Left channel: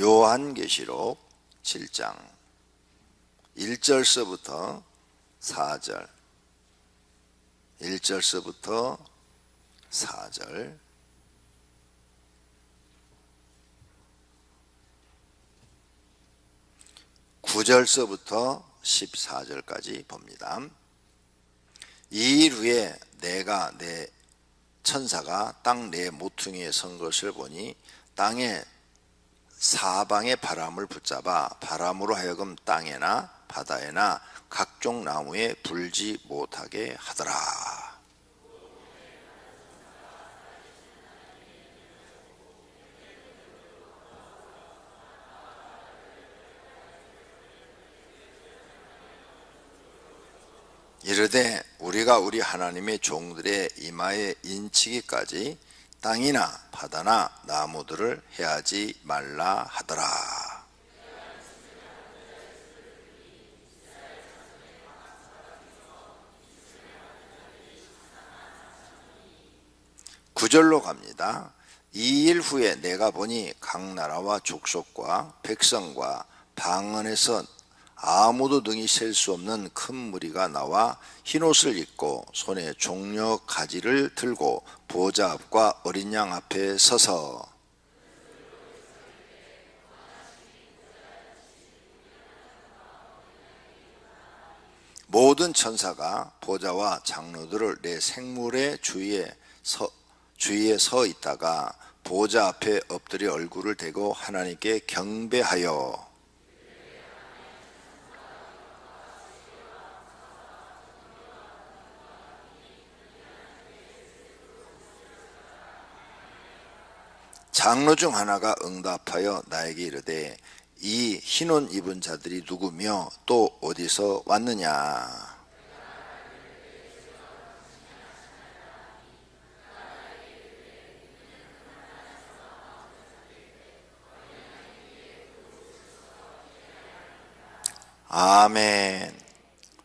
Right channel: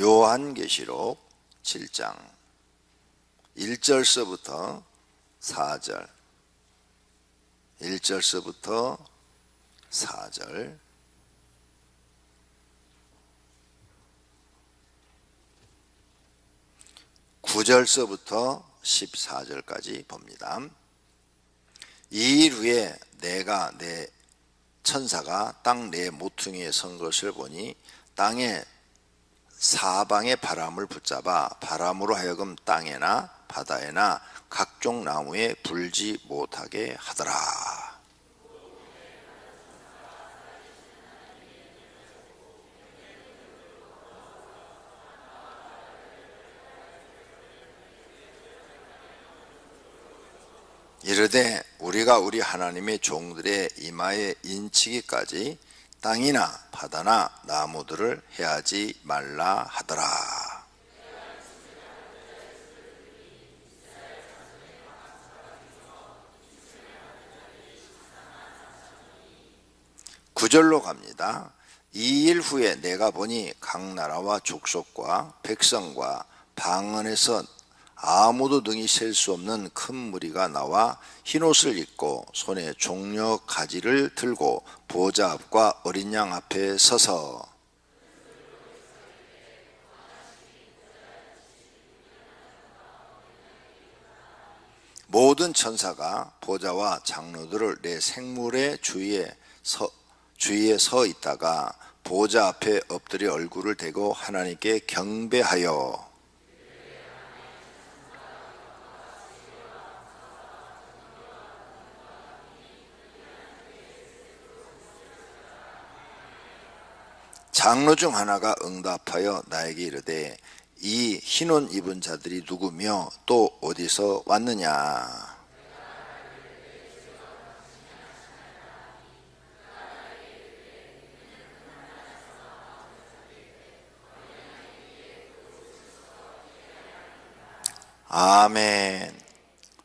요한계시록 7장 1절서부터 4절 1절서부터 4절 9절서부터 14절까지 봅니다. 이 일 후에 내가 내 천사가 땅 내 모퉁이에 선 것을 보니 땅의 사방의 바람을 붙잡아 바람으로 하여금 땅에나 바다에나 각종 나무에 불지 못하게 하더라. 이르되 우리가 우리 하나님의 종들의 이마에 인치기까지 땅이나 바다나 나무들을 해하지 말라 하더라. 구절로 갑니다. 이 일 후에 내가 보니 각 나라와 족속과 백성과 방언에서 아무도 능히 셀 수 없는 큰 무리가 나와 흰옷을 입고 손에 종려 가지를 들고 보좌 앞과 어린 양 앞에 서서 모든 천사가 보좌와 장로들을 내 생물의 주위에 서 있다가 보좌 앞에 엎드려 얼굴을 대고 하나님께 경배하여 장로 중 하나가 응답하여 나에게 이르되 이 흰옷 입은 자들이 누구며 또 어디서 왔느냐. 아멘.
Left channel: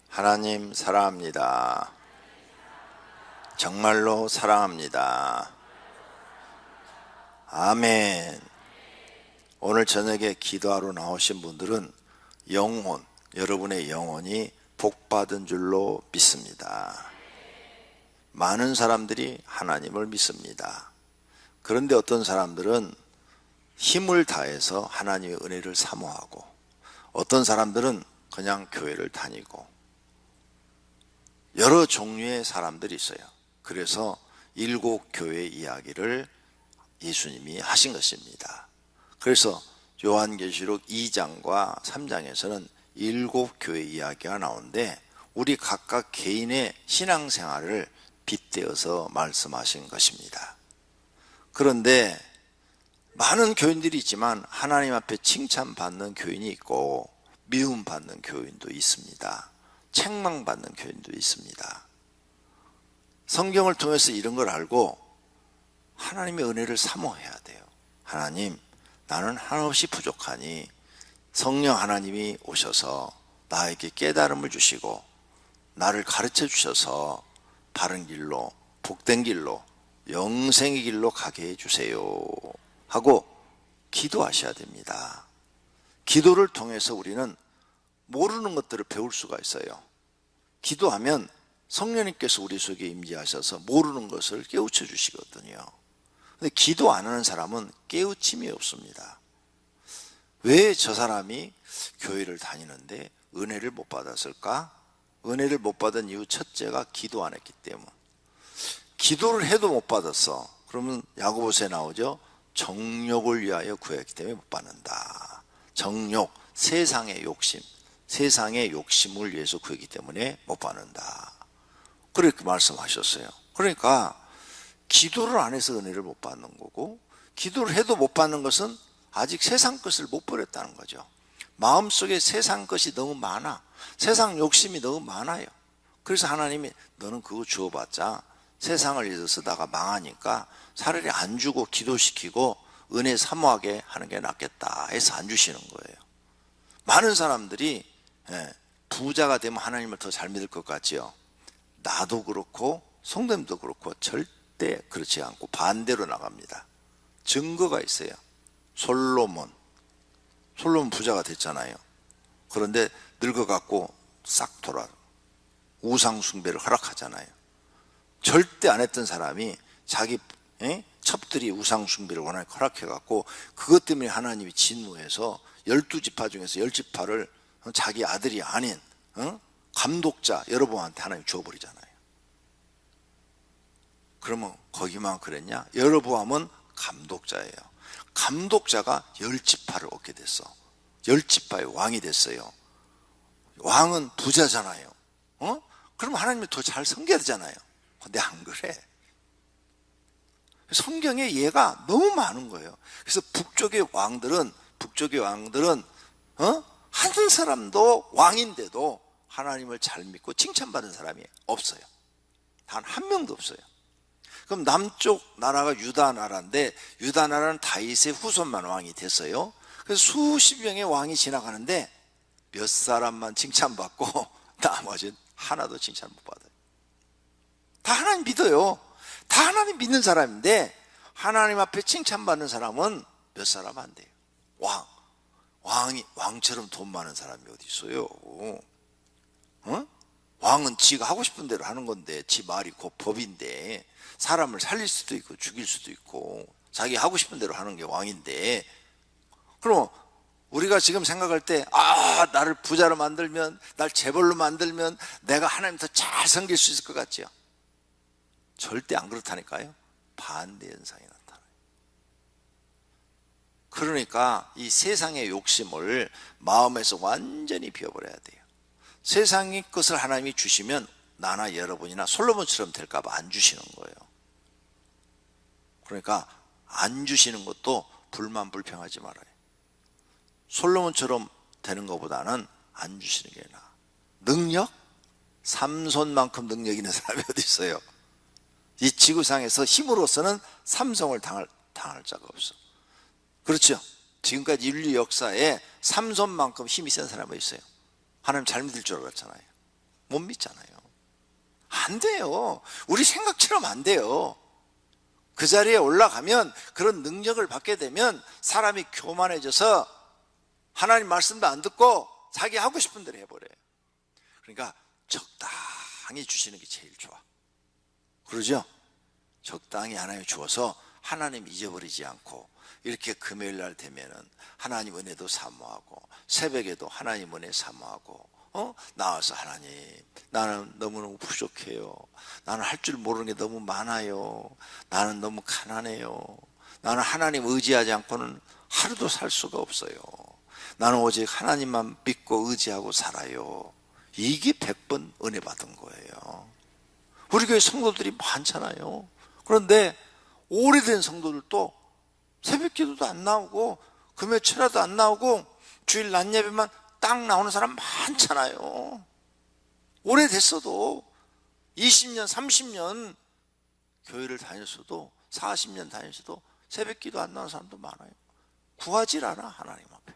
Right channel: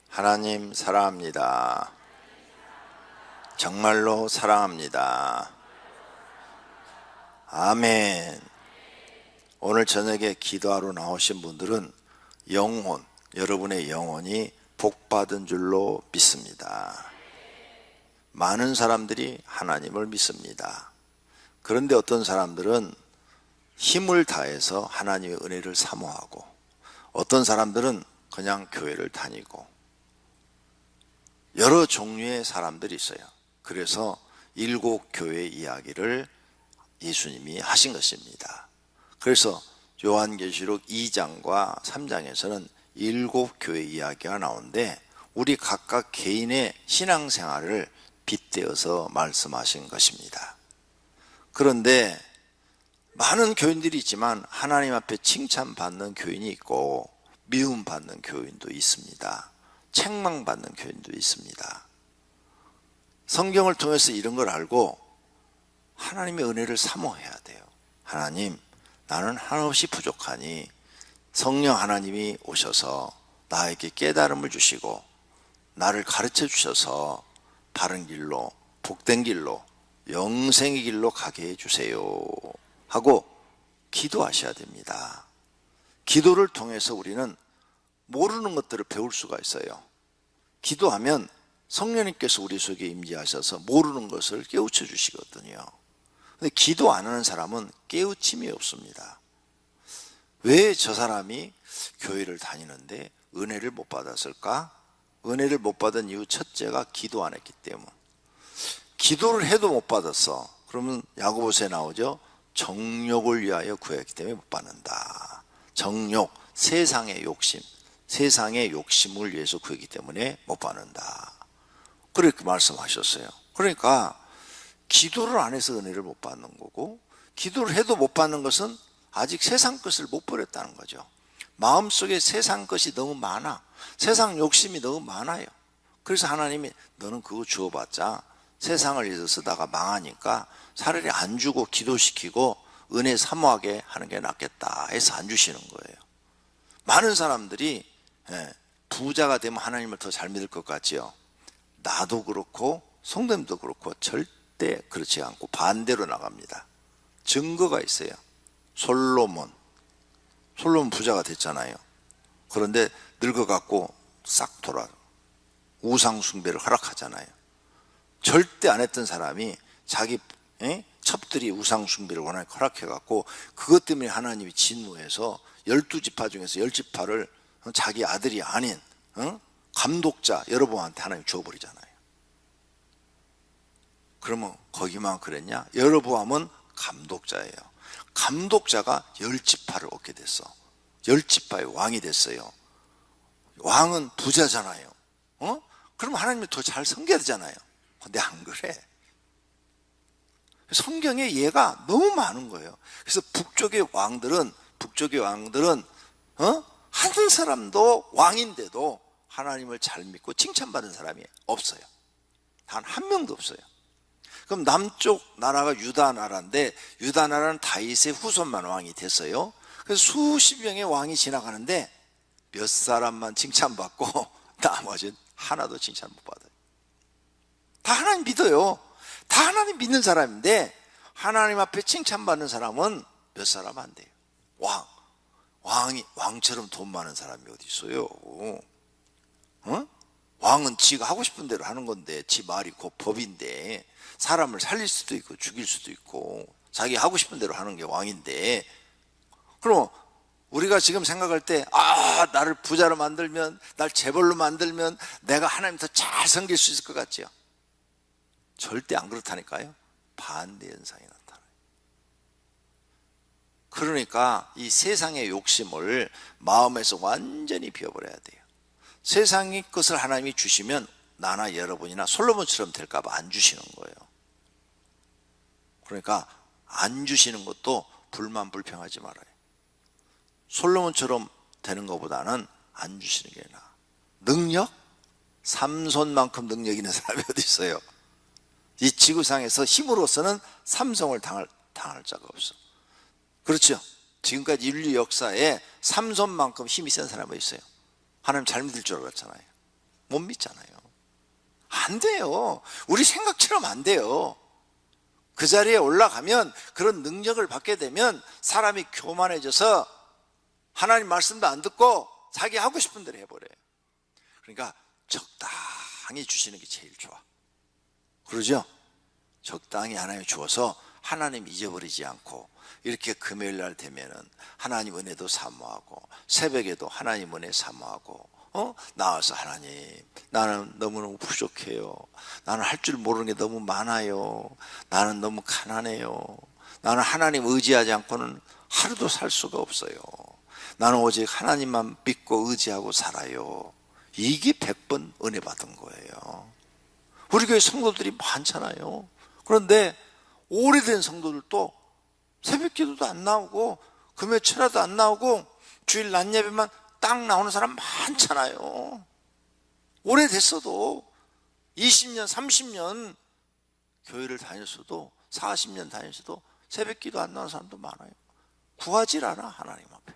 하나님 사랑합니다. 정말로 사랑합니다. 아멘. 오늘 저녁에 기도하러 나오신 분들은 영혼, 여러분의 영혼이 복받은 줄로 믿습니다. 많은 사람들이 하나님을 믿습니다. 그런데 어떤 사람들은 힘을 다해서 하나님의 은혜를 사모하고 어떤 사람들은 그냥 교회를 다니고 여러 종류의 사람들이 있어요. 그래서 7 교회 이야기를 예수님이 하신 것입니다. 그래서 요한계시록 2장과 3장에서는 7 교회 이야기가 나오는데 우리 각각 개인의 신앙생활을 빗대어서 말씀하신 것입니다. 그런데 많은 교인들이 있지만 하나님 앞에 칭찬받는 교인이 있고 미움받는 교인도 있습니다. 책망받는 교인도 있습니다. 성경을 통해서 이런 걸 알고 하나님의 은혜를 사모해야 돼요. 하나님, 나는 한없이 부족하니 성령 하나님이 오셔서 나에게 깨달음을 주시고 나를 가르쳐 주셔서 바른 길로, 복된 길로, 영생의 길로 가게 해주세요 하고 기도하셔야 됩니다. 기도를 통해서 우리는 모르는 것들을 배울 수가 있어요. 기도하면 성령님께서 우리 속에 임재하셔서 모르는 것을 깨우쳐 주시거든요. 근데 기도 안 하는 사람은 깨우침이 없습니다. 왜 저 사람이 교회를 다니는데 은혜를 못 받았을까? 은혜를 못 받은 이유 첫째가 기도 안 했기 때문. 기도를 해도 못 받았어. 그러면 야고보서에 나오죠. 정욕을 위하여 구했기 때문에 못 받는다. 정욕, 세상의 욕심, 세상의 욕심을 위해서 구했기 때문에 못 받는다. 그렇게 말씀하셨어요. 그러니까 기도를 안 해서 은혜를 못 받는 거고 기도를 해도 못 받는 것은 아직 세상 것을 못 버렸다는 거죠. 마음속에 세상 것이 너무 많아. 세상 욕심이 너무 많아요. 그래서 하나님이 너는 그거 주어봤자 세상을 위해서 쓰다가 망하니까 차라리 안 주고 기도시키고 은혜 사모하게 하는 게 낫겠다 해서 안 주시는 거예요. 많은 사람들이 부자가 되면 하나님을 더 잘 믿을 것 같지요. 나도 그렇고 성도님도 그렇고 절대 그렇지 않고 반대로 나갑니다. 증거가 있어요. 솔로몬, 솔로몬 부자가 됐잖아요. 그런데 늙어갖고 싹 돌아 우상 숭배를 허락하잖아요. 절대 안 했던 사람이 자기 첩들이 우상 숭배를 워낙 허락해갖고 그것 때문에 하나님이 진노해서 12지파 중에서 10지파를 자기 아들이 아닌 감독자 여로보암한테 하나님이 줘버리잖아요. 그러면 거기만 그랬냐? 여로보암은 감독자예요. 감독자가 10지파를 얻게 됐어. 10지파의 왕이 됐어요. 왕은 부자잖아요. 그럼 하나님이 더 잘 섬겨야 되잖아요. 근데 안 그래. 성경에 예가 너무 많은 거예요. 그래서 북쪽의 왕들은 한 사람도 왕인데도 하나님을 잘 믿고 칭찬받은 사람이 없어요. 단 한 명도 없어요. 그럼 남쪽 나라가 유다 나라인데 유다 나라는 다윗의 후손만 왕이 됐어요. 그래서 수십 명의 왕이 지나가는데 몇 사람만 칭찬받고 나머지는 하나도 칭찬 못 받아요. 다 하나님 믿어요. 다 하나님 믿는 사람인데 하나님 앞에 칭찬받는 사람은 몇 사람 안 돼요. 왕처럼 돈 많은 사람이 어디 있어요? 왕은 지가 하고 싶은 대로 하는 건데 지 말이 곧 법인데 사람을 살릴 수도 있고 죽일 수도 있고 자기 하고 싶은 대로 하는 게 왕인데 그럼 우리가 지금 생각할 때 나를 부자로 만들면 날 재벌로 만들면 내가 하나님 더 잘 섬길 수 있을 것 같죠? 절대 안 그렇다니까요. 반대 현상이 나타나요. 그러니까 이 세상의 욕심을 마음에서 완전히 비워버려야 돼요. 세상의 것을 하나님이 주시면 나나 여러분이나 솔로몬처럼 될까봐 안 주시는 거예요. 그러니까 안 주시는 것도 불만 불평하지 말아요. 솔로몬처럼 되는 것보다는 안 주시는 게 나아. 능력? 삼손만큼 능력 있는 사람이 어디 있어요? 이 지구상에서 힘으로서는 삼성을 당할 자가 없어. 그렇죠? 지금까지 인류 역사에 삼손만큼 힘이 센 사람이 있어요. 하나님 잘 믿을 줄 알았잖아요. 못 믿잖아요. 안 돼요. 우리 생각처럼 안 돼요. 그 자리에 올라가면 그런 능력을 받게 되면 사람이 교만해져서 하나님 말씀도 안 듣고 자기 하고 싶은 대로 해버려요. 그러니까 적당히 주시는 게 제일 좋아. 그러죠? 적당히 하나님 주어서 하나님 잊어버리지 않고 이렇게 금요일 날 되면은 하나님 은혜도 사모하고 새벽에도 하나님 은혜 사모하고 나와서 하나님 나는 너무너무 부족해요. 나는 할 줄 모르는 게 너무 많아요. 나는 너무 가난해요. 나는 하나님 의지하지 않고는 하루도 살 수가 없어요. 나는 오직 하나님만 믿고 의지하고 살아요. 이게 100번 은혜 받은 거예요. 우리 교회 성도들이 많잖아요. 그런데 오래된 성도들도 새벽 기도도 안 나오고 금요 철야도 안 나오고 주일 낮 예배만 딱 나오는 사람 많잖아요. 오래됐어도 20년 30년 교회를 다녔어도 40년 다녔어도 새벽 기도 안 나오는 사람도 많아요. 구하질 않아 하나님 앞에.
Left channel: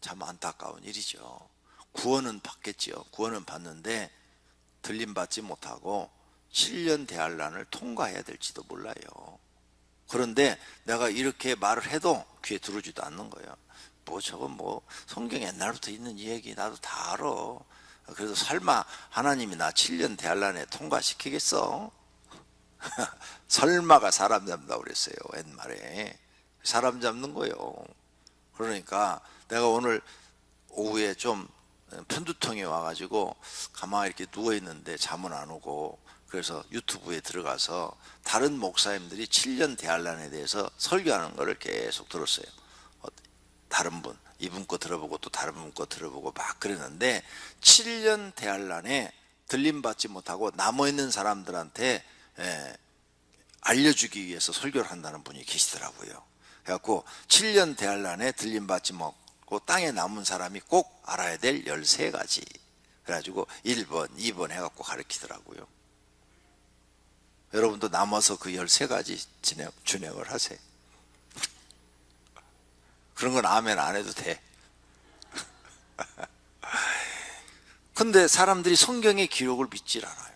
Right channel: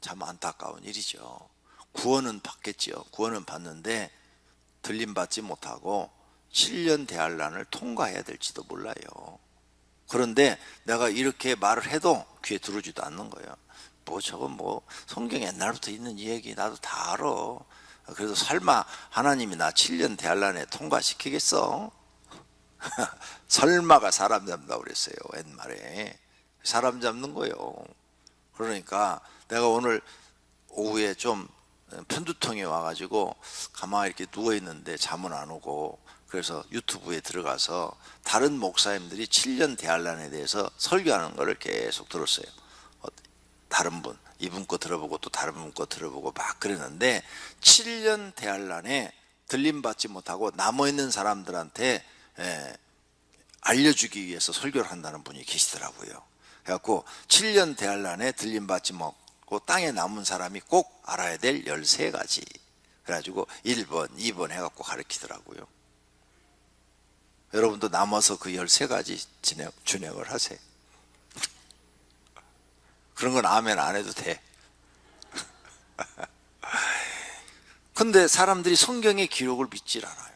참 안타까운 일이죠. 구원은 받겠죠. 구원은 받는데 들림받지 못하고 7년 대환란을 통과해야 될지도 몰라요. 그런데 내가 이렇게 말을 해도 귀에 들어오지도 않는 거예요. 저건 성경 옛날부터 있는 이야기 나도 다 알아. 그래서 설마 하나님이 나 7년 대환란에 통과시키겠어? 설마가 사람 잡는다고 그랬어요. 옛말에 사람 잡는 거예요. 그러니까 내가 오늘 오후에 좀 편두통이 와가지고 가만히 이렇게 누워있는데 잠은 안 오고 그래서 유튜브에 들어가서 다른 목사님들이 7년 대환란에 대해서 설교하는 거를 계속 들었어요. 다른 분, 이분 거 들어보고 또 다른 분 거 들어보고 막 그랬는데 7년 대환란에 들림받지 못하고 남아있는 사람들한테 알려주기 위해서 설교를 한다는 분이 계시더라고요. 그래갖고 7년 대환란에 들림받지 못하고 땅에 남은 사람이 꼭 알아야 될 13가지 그래가지고 1번, 2번 해갖고 가르치더라고요. 여러분도 남아서 그 13가지 진행을 하세요. 그런 건 아멘 안 해도 돼. 근데 사람들이 성경의 기록을 믿질 않아요.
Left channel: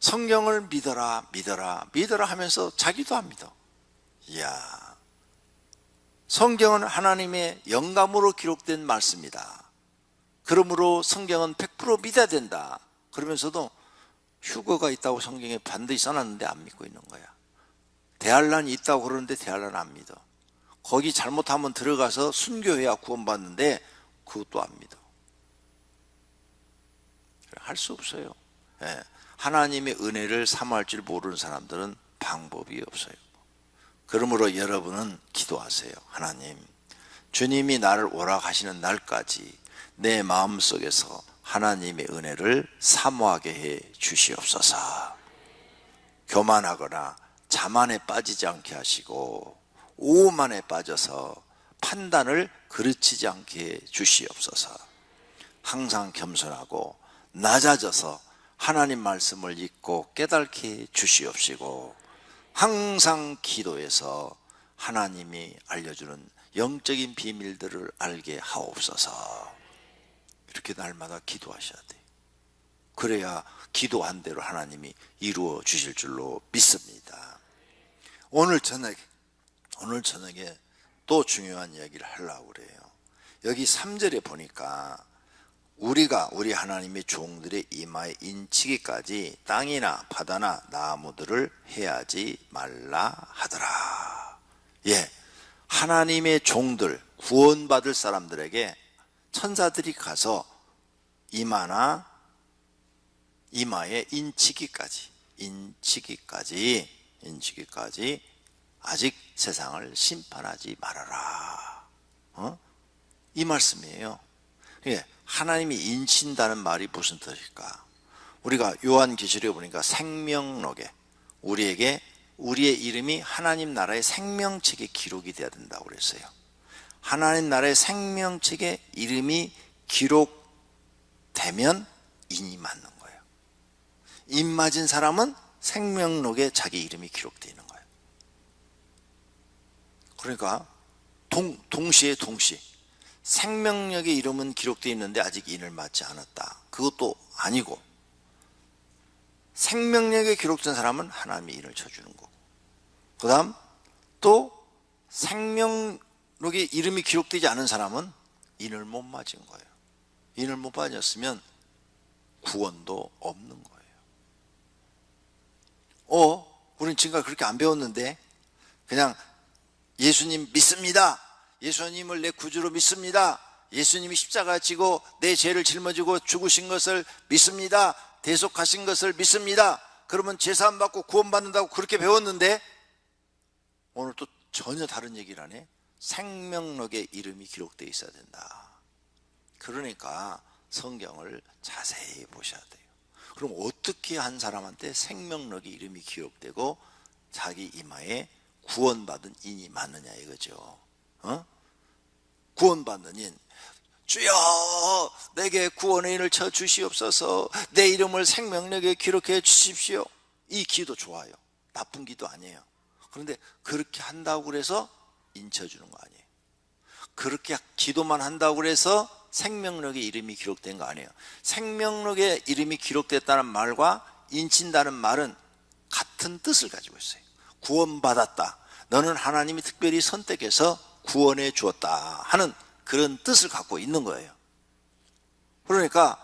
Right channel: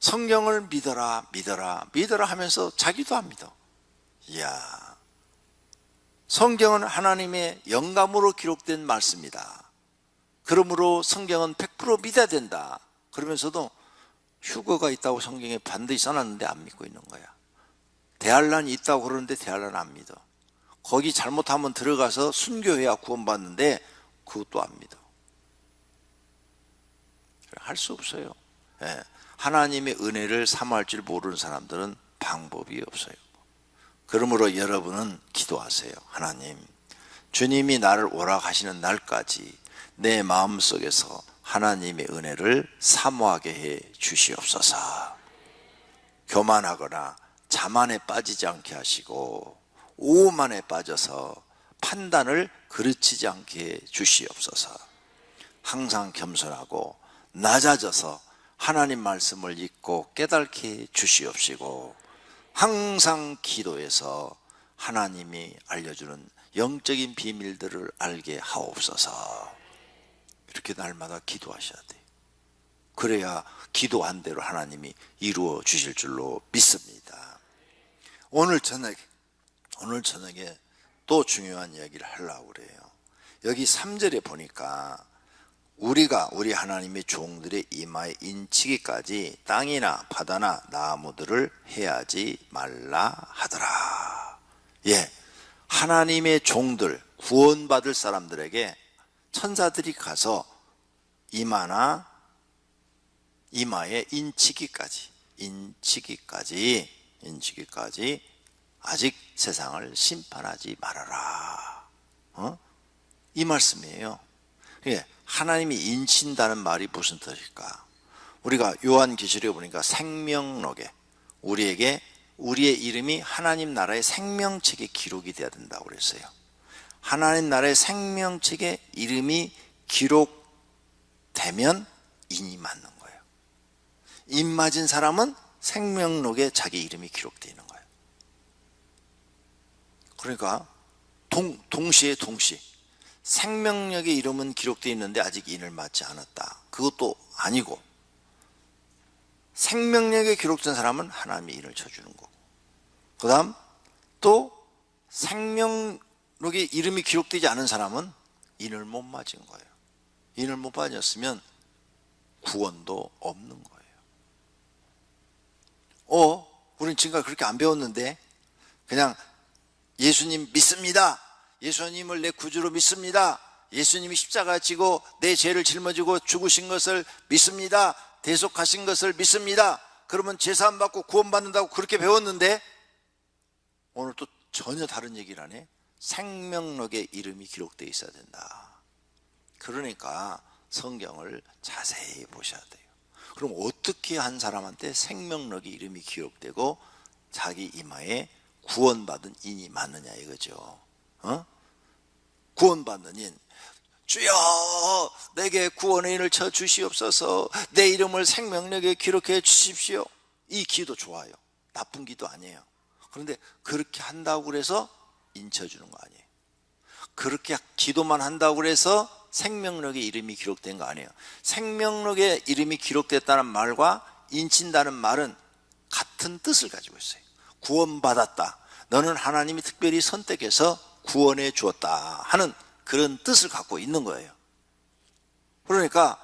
성경을 믿어라 믿어라 믿어라 하면서 자기도 안 믿어. 이야, 성경은 하나님의 영감으로 기록된 말씀이다. 그러므로 성경은 100% 믿어야 된다. 그러면서도 휴거가 있다고 성경에 반드시 써놨는데 안 믿고 있는 거야. 대환란이 있다고 그러는데 대환란 안 믿어. 거기 잘못하면 들어가서 순교해야 구원받는데 그것도 안 믿어. 할 수 없어요. 예. 하나님의 은혜를 사모할 줄 모르는 사람들은 방법이 없어요. 그러므로 여러분은 기도하세요. 하나님, 주님이 나를 오락하시는 날까지 내 마음속에서 하나님의 은혜를 사모하게 해 주시옵소서. 교만하거나 자만에 빠지지 않게 하시고 오만에 빠져서 판단을 그르치지 않게 해 주시옵소서. 항상 겸손하고 낮아져서 하나님 말씀을 읽고 깨닫게 해 주시옵시고, 항상 기도해서 하나님이 알려주는 영적인 비밀들을 알게 하옵소서. 이렇게 날마다 기도하셔야 돼요. 그래야 기도한 대로 하나님이 이루어 주실 줄로 믿습니다. 오늘 저녁에 또 중요한 이야기를 하려고 그래요. 여기 3절에 보니까 우리 하나님의 종들의 이마에 인치기까지 땅이나 바다나 나무들을 해하지 말라 하더라. 예, 하나님의 종들, 구원받을 사람들에게 천사들이 가서 이마에 인치기까지 아직 세상을 심판하지 말아라. 이 말씀이에요. 예, 하나님이 인친다는 말이 무슨 뜻일까? 우리가 요한계시록에 보니까 생명록에 우리에게 우리의 이름이 하나님 나라의 생명책에 기록이 되어야 된다고 그랬어요. 하나님 나라의 생명책에 이름이 기록되면 인이 맞는 거예요. 인 맞은 사람은 생명록에 자기 이름이 기록되어 있는 거예요. 그러니까 동시에 생명력의 이름은 기록되어 있는데 아직 인을 맞지 않았다. 그것도 아니고, 생명력에 기록된 사람은 하나님이 인을 쳐주는 거고, 그 다음 또 생명력에 이름이 기록되지 않은 사람은 인을 못 맞은 거예요. 인을 못 맞았으면 구원도 없는 거예요. 우린 지금까지 그렇게 안 배웠는데 그냥 예수님 믿습니다. 예수님을 내 구주로 믿습니다. 예수님이 십자가 지고 내 죄를 짊어지고 죽으신 것을 믿습니다. 대속하신 것을 믿습니다. 그러면 제사함 받고 구원받는다고 그렇게 배웠는데 오늘 또 전혀 다른 얘기를 하네. 생명록에 이름이 기록되어 있어야 된다. 그러니까 성경을 자세히 보셔야 돼요. 그럼 어떻게 한 사람한테 생명록에 이름이 기록되고 자기 이마에 구원받은 인이 맞느냐 이거죠. 구원받는 인, 주여 내게 구원의 인을 쳐 주시옵소서. 내 이름을 생명록에 기록해 주십시오. 이 기도 좋아요. 나쁜 기도 아니에요. 그런데 그렇게 한다고 그래서 인 쳐주는 거 아니에요. 그렇게 기도만 한다고 그래서 생명록에 이름이 기록된 거 아니에요. 생명록에 이름이 기록됐다는 말과 인친다는 말은 같은 뜻을 가지고 있어요. 구원받았다. 너는 하나님이 특별히 선택해서 구원해 주었다 하는 그런 뜻을 갖고 있는 거예요. 그러니까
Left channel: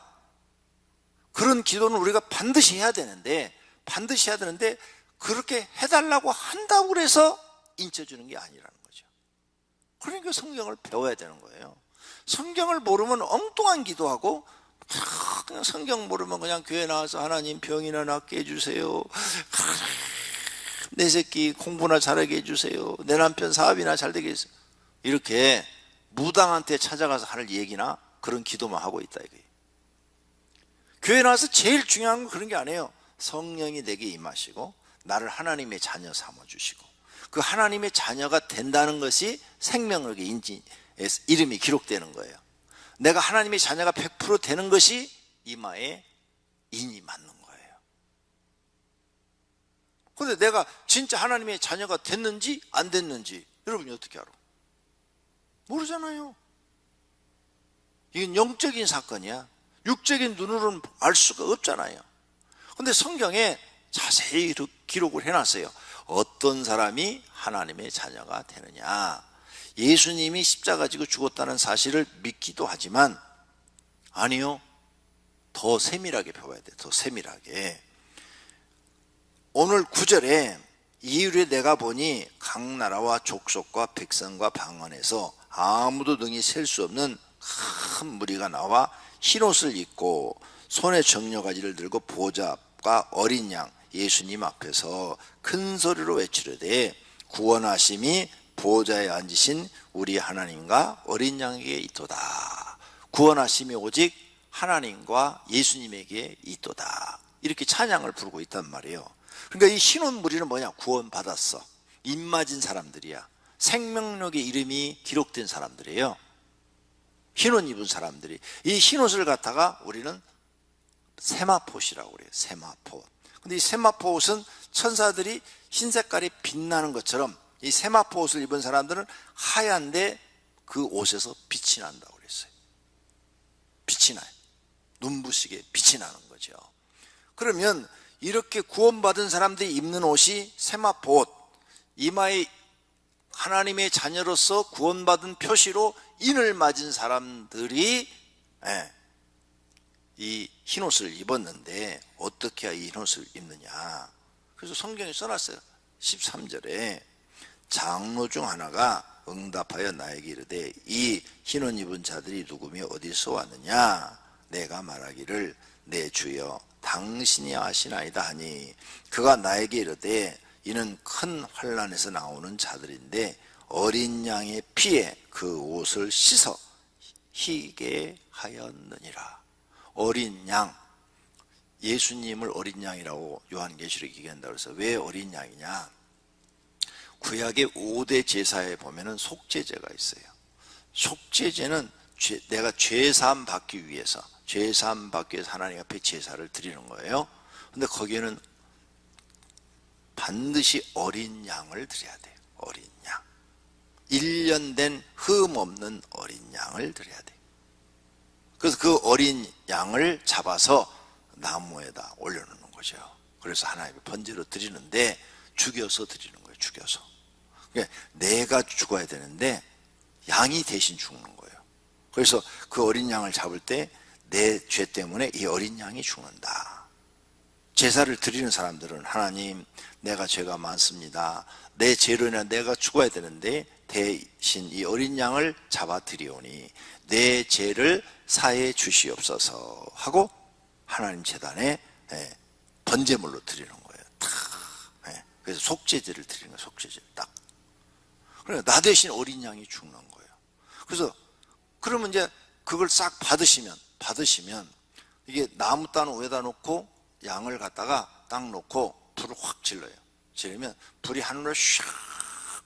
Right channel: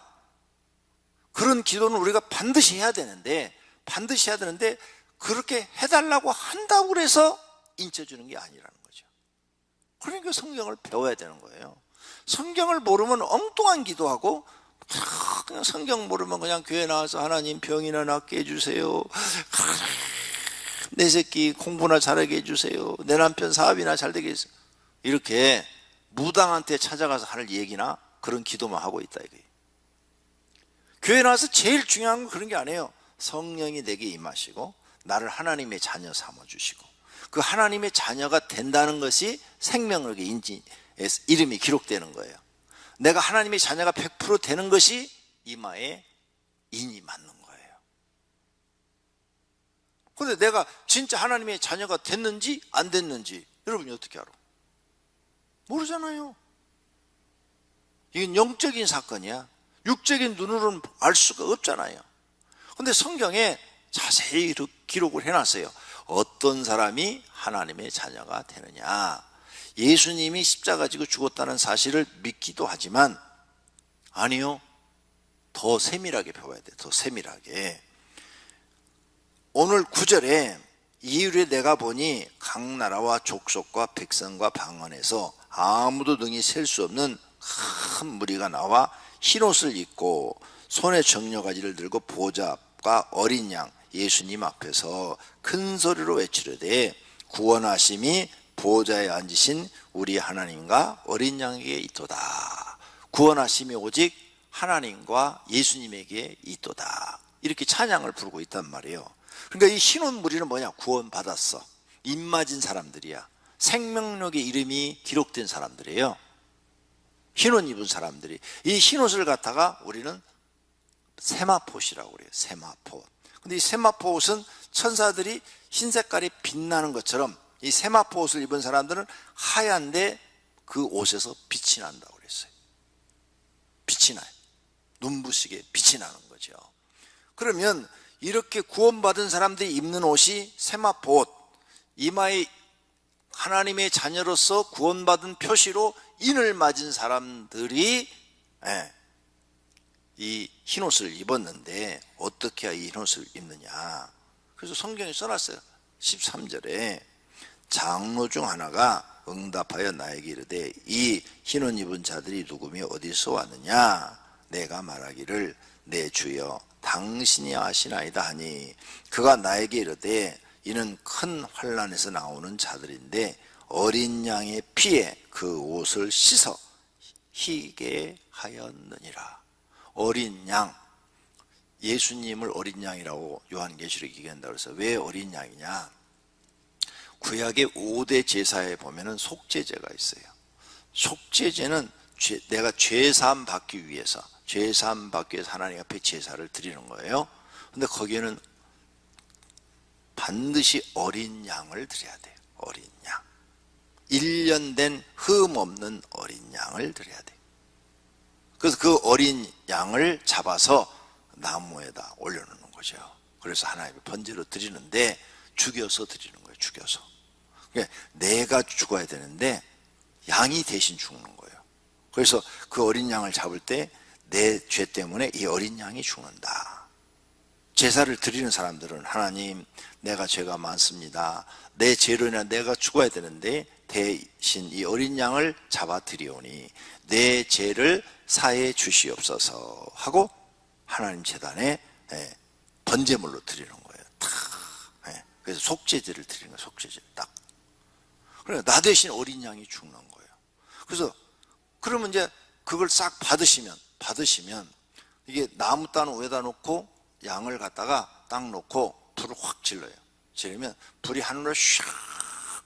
그런 기도는 우리가 반드시 해야 되는데 그렇게 해달라고 한다고 그래서 인쳐주는 게 아니라는 거죠. 그러니까 성경을 배워야 되는 거예요. 성경을 모르면 엉뚱한 기도하고, 그냥 성경 모르면 그냥 교회 나와서 하나님 병이나 낫게 해주세요, 내 새끼 공부나 잘하게 해주세요, 내 남편 사업이나 잘 되게 해주세요, 이렇게 무당한테 찾아가서 할 얘기나 그런 기도만 하고 있다 이게. 교회 나와서 제일 중요한 건 그런 게 아니에요. 성령이 내게 임하시고 나를 하나님의 자녀 삼아주시고 그 하나님의 자녀가 된다는 것이 생명력의 이름이 기록되는 거예요. 내가 하나님의 자녀가 100% 되는 것이 이마에 인이 맞는 거예요. 그런데 내가 진짜 하나님의 자녀가 됐는지 안 됐는지 여러분이 어떻게 알아? 모르잖아요. 이건 영적인 사건이야. 육적인 눈으로는 알 수가 없잖아요. 그런데 성경에 자세히 기록을 해놨어요. 어떤 사람이 하나님의 자녀가 되느냐. 예수님이 십자가 지고 죽었다는 사실을 믿기도 하지만 아니요, 더 세밀하게 배워야 돼. 더 세밀하게. 오늘 9절에 이후에 내가 보니 각 나라와 족속과 백성과 방언에서 아무도 능히 셀 수 없는 큰 무리가 나와 흰옷을 입고 손에 정려가지를 들고 보좌 앞과 어린 양 예수님 앞에서 큰 소리로 외치려되 구원하심이 보좌에 앉으신 우리 하나님과 어린 양에게 있도다. 구원하심이 오직 하나님과 예수님에게 있도다. 이렇게 찬양을 부르고 있단 말이에요. 그러니까 이 흰옷 무리는 뭐냐? 구원받았어. 입 맞은 사람들이야. 생명력의 이름이 기록된 사람들이에요. 흰옷 입은 사람들이. 이 흰옷을 갖다가 우리는 세마포시라고 그래요. 세마포. 근데 이 세마포 옷은 천사들이 흰 색깔이 빛나는 것처럼 이 세마포 옷을 입은 사람들은 하얀데 그 옷에서 빛이 난다고 그랬어요. 빛이 나. 눈부시게 빛이 나는 거죠. 그러면 이렇게 구원받은 사람들이 입는 옷이 세마포 옷, 이마에 하나님의 자녀로서 구원받은 표시로 인을 맞은 사람들이 이 흰옷을 입었는데 어떻게 해야 이 흰옷을 입느냐. 그래서 성경에 써놨어요. 13절에 장로 중 하나가 응답하여 나에게 이르되 이 흰옷 입은 자들이 누구며 어디서 왔느냐. 내가 말하기를 내 주여 당신이 아시나이다 하니 그가 나에게 이르되 이는 큰 환난에서 나오는 자들인데 어린 양의 피에 그 옷을 씻어 희게 하였느니라. 어린 양, 예수님을 어린 양이라고 요한계시록 얘기한다고 해서 왜 어린 양이냐? 구약의 5대 제사에 보면은 속죄제가 있어요. 속죄제는 내가 죄사함 받기 위해서 하나님 앞에 제사를 드리는 거예요. 근데 거기에는 반드시 어린 양을 드려야 돼요. 어린 양. 1년 된 흠 없는 어린 양을 드려야 돼요. 그래서 그 어린 양을 잡아서 나무에다 올려놓는 거죠. 그래서 하나님께 번제로 드리는데 죽여서 드리는 거예요. 죽여서. 그러니까 내가 죽어야 되는데 양이 대신 죽는 거예요. 그래서 그 어린 양을 잡을 때 내 죄 때문에 이 어린 양이 죽는다. 제사를 드리는 사람들은 하나님 내가 죄가 많습니다. 내 죄로 인해 내가 죽어야 되는데 대신 이 어린 양을 잡아 드리오니 내 죄를 사해 주시옵소서 하고 하나님 제단에 번제물로 드리는 거예요. 그래서 속죄제를 드리는 거예요. 속죄제 딱. 그러니까 나 대신 어린 양이 죽는 거예요. 그래서 그러면 이제 그걸 싹 받으시면 이게 나무 따는 위에다 놓고 양을 갖다가 딱 놓고 불을 확 질러요. 지르면 불이 하늘로 샥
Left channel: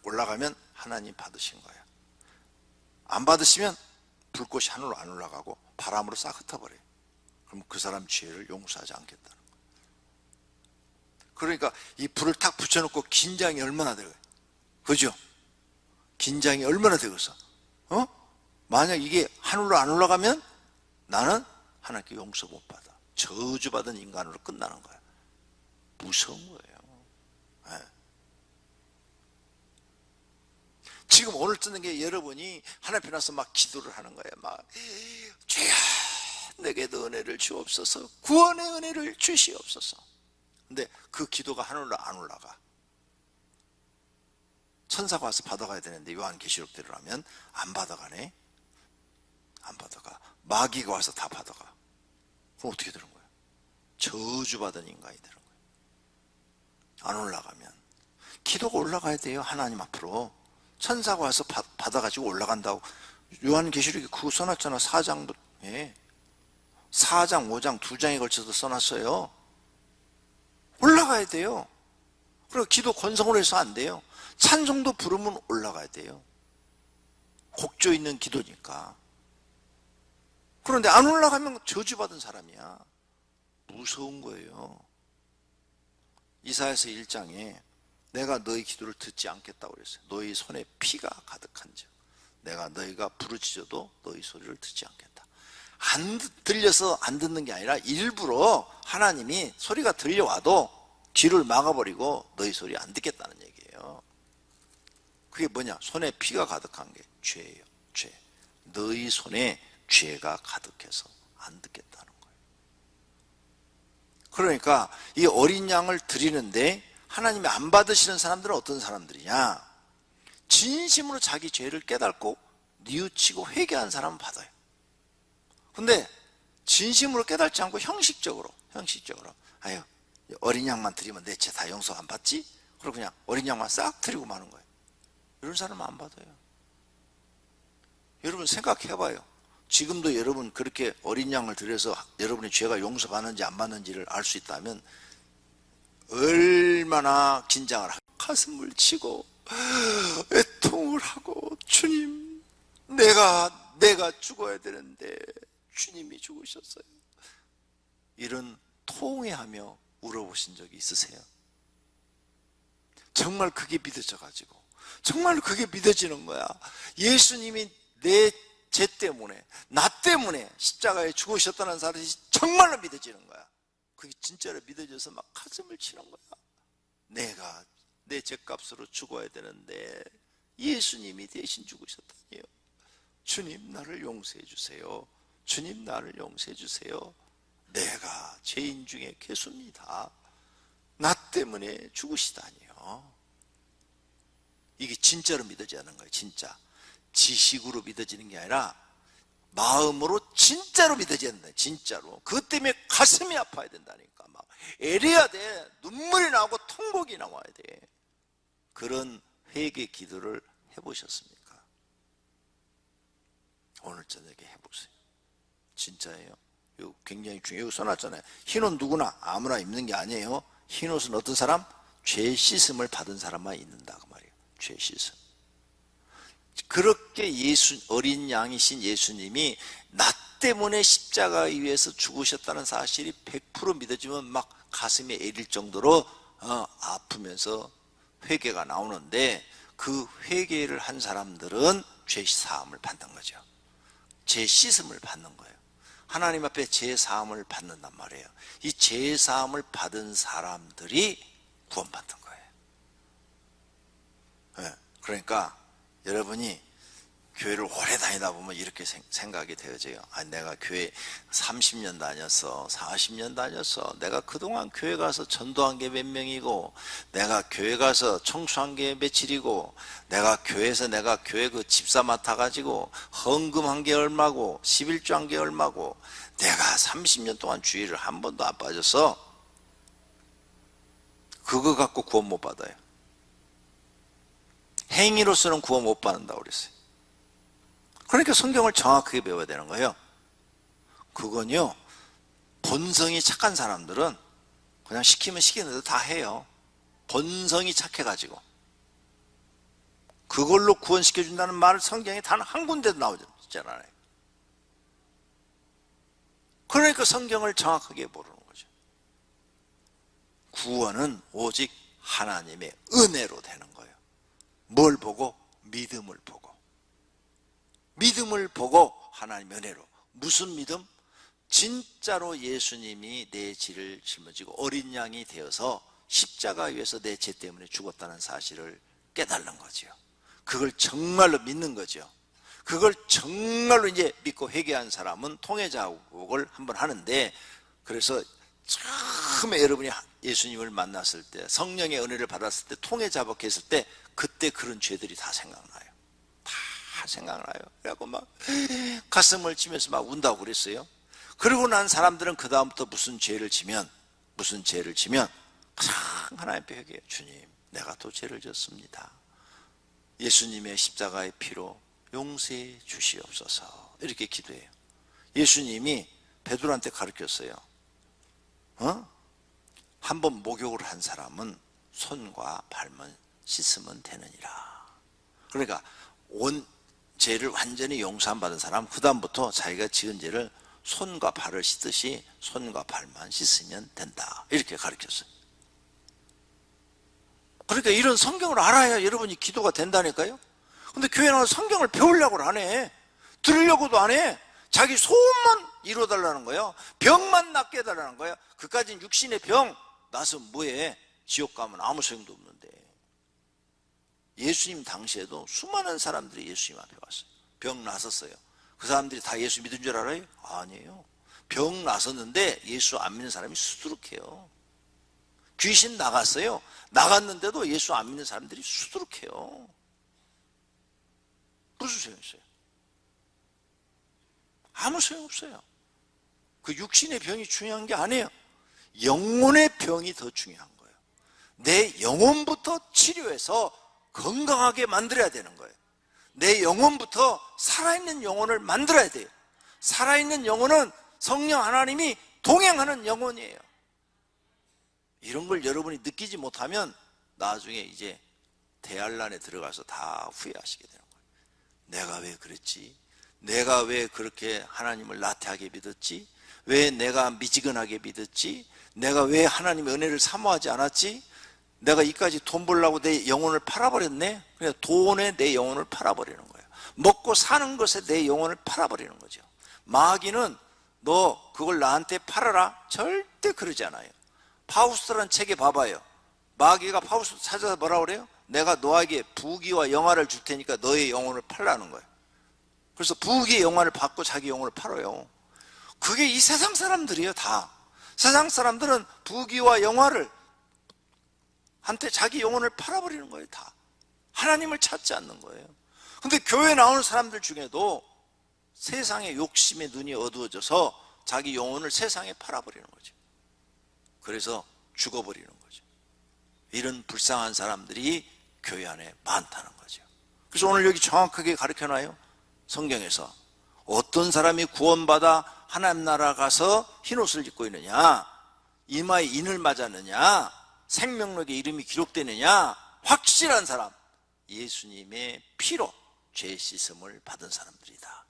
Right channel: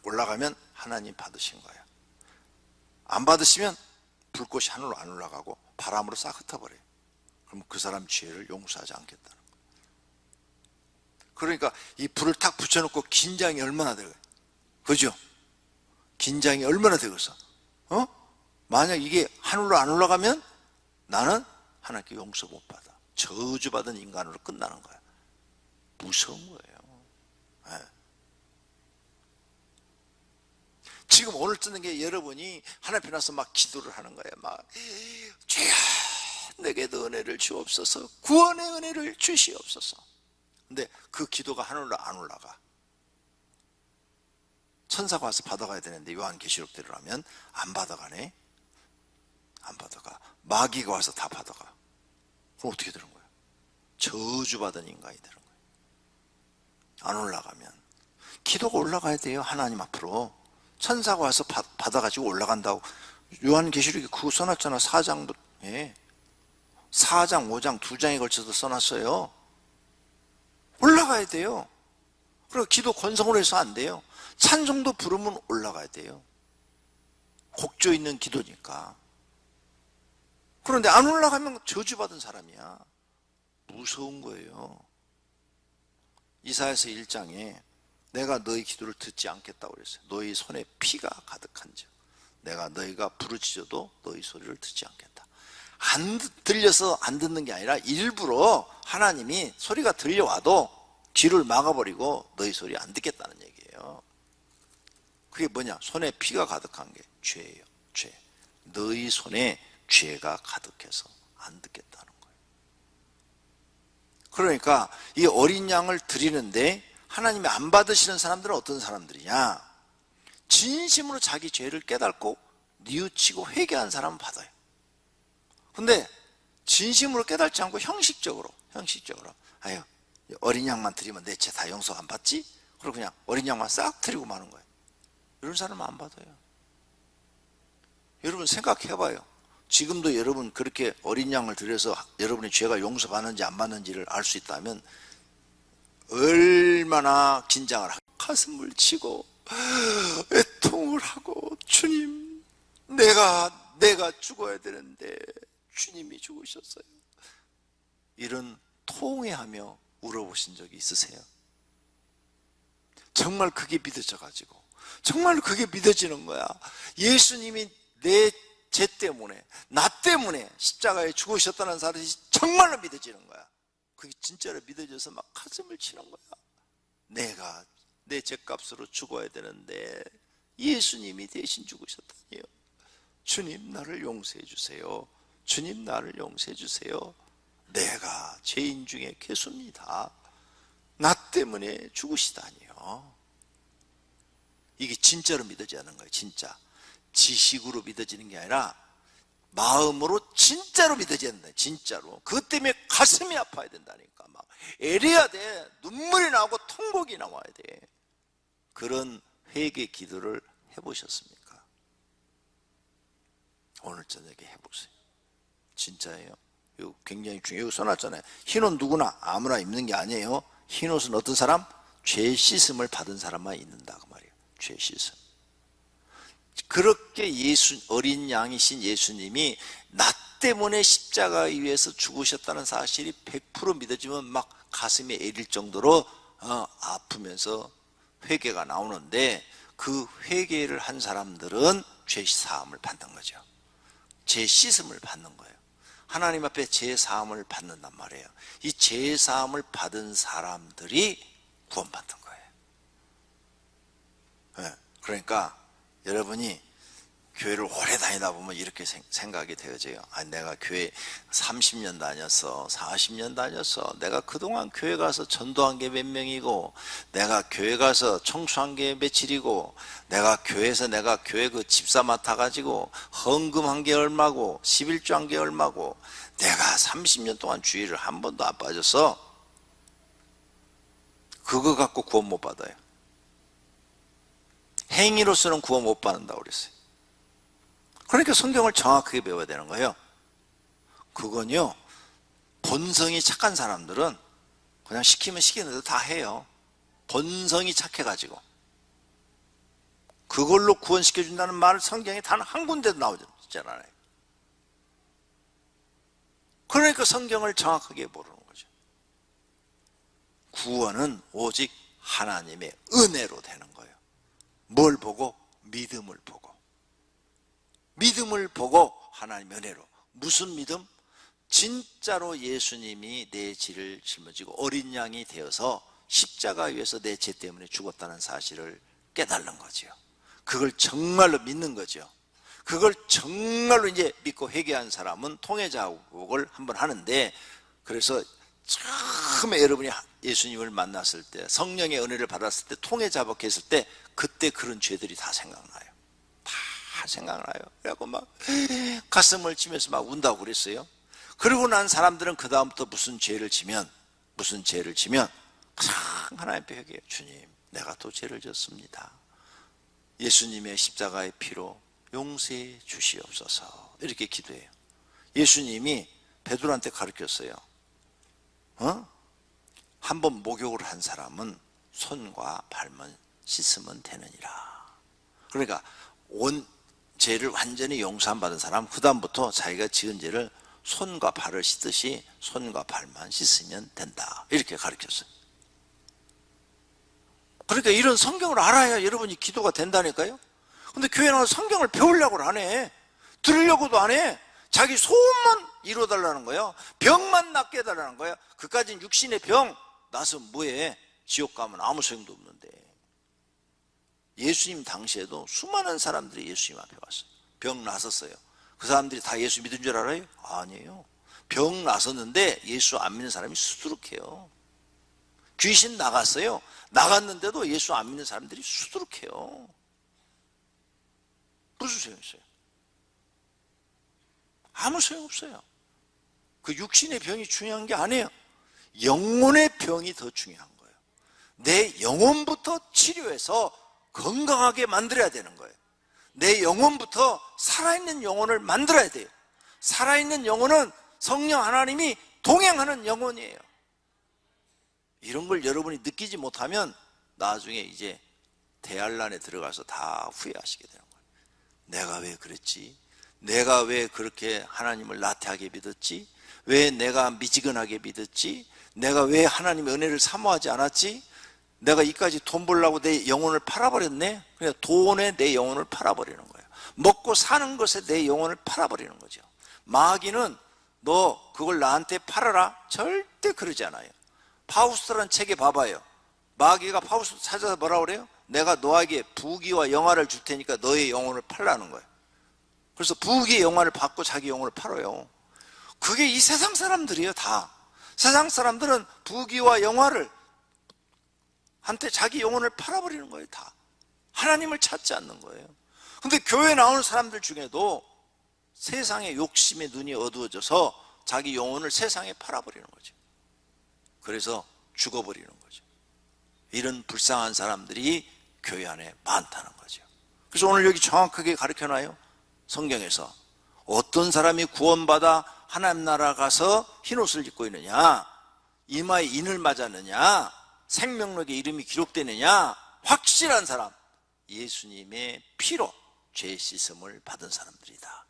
올라가면 하나님 받으신 거예요. 안 받으시면 불꽃이 하늘로 안 올라가고 바람으로 싹 흩어버려요. 그럼 그 사람 죄를 용서하지 않겠다는 거예요. 그러니까 이 불을 탁 붙여놓고 긴장이 얼마나 돼요. 그죠? 긴장이 얼마나 되겠어. 만약 이게 하늘로 안 올라가면 나는 하나님께 용서 못 받아. 저주받은 인간으로 끝나는 거야. 무서운 거예요. 네. 지금 오늘 뜨는 게 여러분이 하나님 앞에 나서 막 기도를 하는 거예요. 막 주여 내게도 은혜를 주옵소서. 구원의 은혜를 주시옵소서. 근데 그 기도가 하늘로 안 올라가. 천사가 와서 받아가야 되는데 요한계시록대로라면 안 받아가네. 안 받아가. 마귀가 와서 다 받아가. 그럼 어떻게 되는 거예요? 저주받은 인간이 되는 거예요. 안 올라가면. 기도가 올라가야 돼요. 하나님 앞으로. 천사가 와서 받아가지고 올라간다고. 요한계시록에 그거 써놨잖아. 4장도. 4장, 5장, 2장에 걸쳐서 써놨어요. 올라가야 돼요. 그리고 기도 건성으로 해서 안 돼요. 찬송도 부르면 올라가야 돼요. 곡조 있는 기도니까. 그런데 안 올라가면 저주받은 사람이야. 무서운 거예요. 이사야서 1장에 내가 너희 기도를 듣지 않겠다고 그랬어요. 너희 손에 피가 가득한지 내가 너희가 부르짖어도 너희 소리를 듣지 않겠다. 안 들려서 안 듣는 게 아니라 일부러 하나님이 소리가 들려와도 귀를 막아버리고 너희 소리 안 듣겠다는 얘기예요. 그게 뭐냐? 손에 피가 가득한 게 죄예요. 죄. 너희 손에 죄가 가득해서 안 듣겠다는 거예요. 그러니까 이 어린 양을 드리는데 하나님이 안 받으시는 사람들은 어떤 사람들이냐? 진심으로 자기 죄를 깨닫고 뉘우치고 회개한 사람은 받아요. 근데 진심으로 깨닫지 않고 형식적으로 아유, 어린 양만 드리면 내 죄 다 용서 안 받지? 그리고 그냥 어린 양만 싹 드리고 마는 거예요. 이런 사람은 안 받아요. 여러분 생각해봐요. 지금도 여러분 그렇게 어린 양을 드려서 여러분의 죄가 용서받는지 안 받는지를 알 수 있다면 얼마나 긴장을 하고 가슴을 치고 애통을 하고 주님 내가 죽어야 되는데 주님이 죽으셨어요. 이런 통회하며 울어보신 적이 있으세요? 정말 그게 믿어져가지고 정말 그게 믿어지는 거야. 예수님이 내 죄 때문에 나 때문에 십자가에 죽으셨다는 사실이 정말로 믿어지는 거야. 그게 진짜로 믿어져서 막 가슴을 치는 거야. 내가 내 죄값으로 죽어야 되는데 예수님이 대신 죽으셨다니요. 주님 나를 용서해 주세요. 주님 나를 용서해 주세요. 내가 죄인 중에 괴수입니다. 나 때문에 죽으시다니요. 이게 진짜로 믿어지는 거예요. 진짜 지식으로 믿어지는 게 아니라 마음으로 진짜로 믿어지는 거예요. 진짜로. 그것 때문에 가슴이 아파야 된다니까. 막 애려야 돼. 눈물이 나오고 통곡이 나와야 돼. 그런 회개 기도를 해보셨습니까? 오늘 저녁에 해보세요. 진짜예요. 이거 굉장히 중요해요. 여기 써놨잖아요. 흰옷 누구나 아무나 입는 게 아니에요. 흰옷은 어떤 사람? 죄 씻음을 받은 사람만 입는다 그 말이에요. 죄 씻음. 그렇게 어린 양이신 예수님이 나 때문에 십자가 위에서 죽으셨다는 사실이 100% 믿어지면 막 가슴이 애릴 정도로 아프면서 회개가 나오는데 그 회개를 한 사람들은 죄 사함을 받는 거죠. 죄 씻음을 받는 거예요. 하나님 앞에 죄 사함을 받는단 말이에요. 이 죄 사함을 받은 사람들이 구원받는 거예요. 네. 그러니까 여러분이 교회를 오래 다니다 보면 이렇게 생각이 되어져요. 내가 교회 30년 다녔어, 40년 다녔어. 내가 그동안 교회 가서 전도한 게 몇 명이고, 내가 교회 가서 청소한 게 며칠이고, 내가 교회에서 교회 그 집사 맡아가지고 헌금한 게 얼마고, 11조 한 게 얼마고, 내가 30년 동안 주일을 한 번도 안 빠졌어. 그거 갖고 구원 못 받아요. 행위로서는 구원 못 받는다고 그랬어요. 그러니까 성경을 정확하게 배워야 되는 거예요. 그건요, 본성이 착한 사람들은 그냥 시키면 시키는 대로 다 해요. 본성이 착해가지고. 그걸로 구원시켜준다는 말을 성경에 단 한 군데도 나오지 않아요. 그러니까 성경을 정확하게 모르는 거죠. 구원은 오직 하나님의 은혜로 되는 거예요. 뭘 보고? 믿음을 보고. 믿음을 보고 하나님의 은혜로. 무슨 믿음? 진짜로 예수님이 내 죄를 짊어지고 어린 양이 되어서 십자가 위에서 내 죄 때문에 죽었다는 사실을 깨달는 거죠. 그걸 정말로 믿는 거죠. 그걸 정말로 이제 믿고 회개한 사람은 통회자복을 한번 하는데, 그래서 처음에 여러분이 예수님을 만났을 때, 성령의 은혜를 받았을 때, 통회자복했을 때, 그때 그런 죄들이 다 생각나요. 다 생각나요. 그래갖고 막 가슴을 치면서 막 운다고 그랬어요. 그러고 난 사람들은 그 다음부터 무슨 죄를 지면 하나님 앞에 회개해요. 주님, 내가 또 죄를 졌습니다. 예수님의 십자가의 피로 용서해 주시옵소서. 이렇게 기도해요. 예수님이 베드로한테 가르쳤어요. 한번 목욕을 한 사람은 손과 발만 씻으면 되느니라. 그러니까 온 죄를 완전히 용서 안 받은 사람, 그 다음부터 자기가 지은 죄를 손과 발을 씻듯이 손과 발만 씻으면 된다. 이렇게 가르쳤어요. 그러니까 이런 성경을 알아야 여러분이 기도가 된다니까요. 근데 교회 나와서 성경을 배우려고 안 해. 들으려고도 안 해. 자기 소원만 이루어달라는 거예요. 병만 낫게 해달라는 거예요. 그까진 육신의 병 나서 뭐해. 지옥 가면 아무 소용도 없는데. 예수님 당시에도 수많은 사람들이 예수님 앞에 왔어요. 병 나섰어요. 그 사람들이 다 예수 믿은 줄 알아요? 아니에요. 병 나섰는데 예수 안 믿는 사람이 수두룩해요. 귀신 나갔어요. 나갔는데도 예수 안 믿는 사람들이 수두룩해요. 무슨 소용있어요? 아무 소용없어요. 그 육신의 병이 중요한 게 아니에요. 영혼의 병이 더 중요한 거예요. 내 영혼부터 치료해서 건강하게 만들어야 되는 거예요. 내 영혼부터 살아있는 영혼을 만들어야 돼요. 살아있는 영혼은 성령 하나님이 동행하는 영혼이에요. 이런 걸 여러분이 느끼지 못하면 나중에 이제 대환란에 들어가서 다 후회하시게 되는 거예요. 내가 왜 그랬지? 내가 왜 그렇게 하나님을 나태하게 믿었지? 왜 내가 미지근하게 믿었지? 내가 왜 하나님의 은혜를 사모하지 않았지? 내가 이까지 돈 벌려고 내 영혼을 팔아버렸네? 그러니까 돈에 내 영혼을 팔아버리는 거예요. 먹고 사는 것에 내 영혼을 팔아버리는 거죠. 마귀는 너 그걸 나한테 팔아라? 절대 그러지 않아요. 파우스트라는 책에 봐봐요. 마귀가 파우스트 찾아서 뭐라고 그래요? 내가 너에게 부귀와 영화를 줄 테니까 너의 영혼을 팔라는 거예요. 그래서 부귀의 영화를 받고 자기 영혼을 팔아요. 그게 이 세상 사람들이에요. 다 세상 사람들은 부귀와 영화를 한테 자기 영혼을 팔아버리는 거예요. 다 하나님을 찾지 않는 거예요. 근데 교회 나오는 사람들 중에도 세상의 욕심에 눈이 어두워져서 자기 영혼을 세상에 팔아버리는 거죠. 그래서 죽어버리는 거죠. 이런 불쌍한 사람들이 교회 안에 많다는 거죠. 그래서 오늘 여기 정확하게 가르쳐놔요. 성경에서 어떤 사람이 구원받아 하나님 나라 가서 흰옷을 입고 있느냐, 이마에 인을 맞았느냐, 생명록에 이름이 기록되느냐, 확실한 사람, 예수님의 피로 죄 씻음을 받은 사람들이다.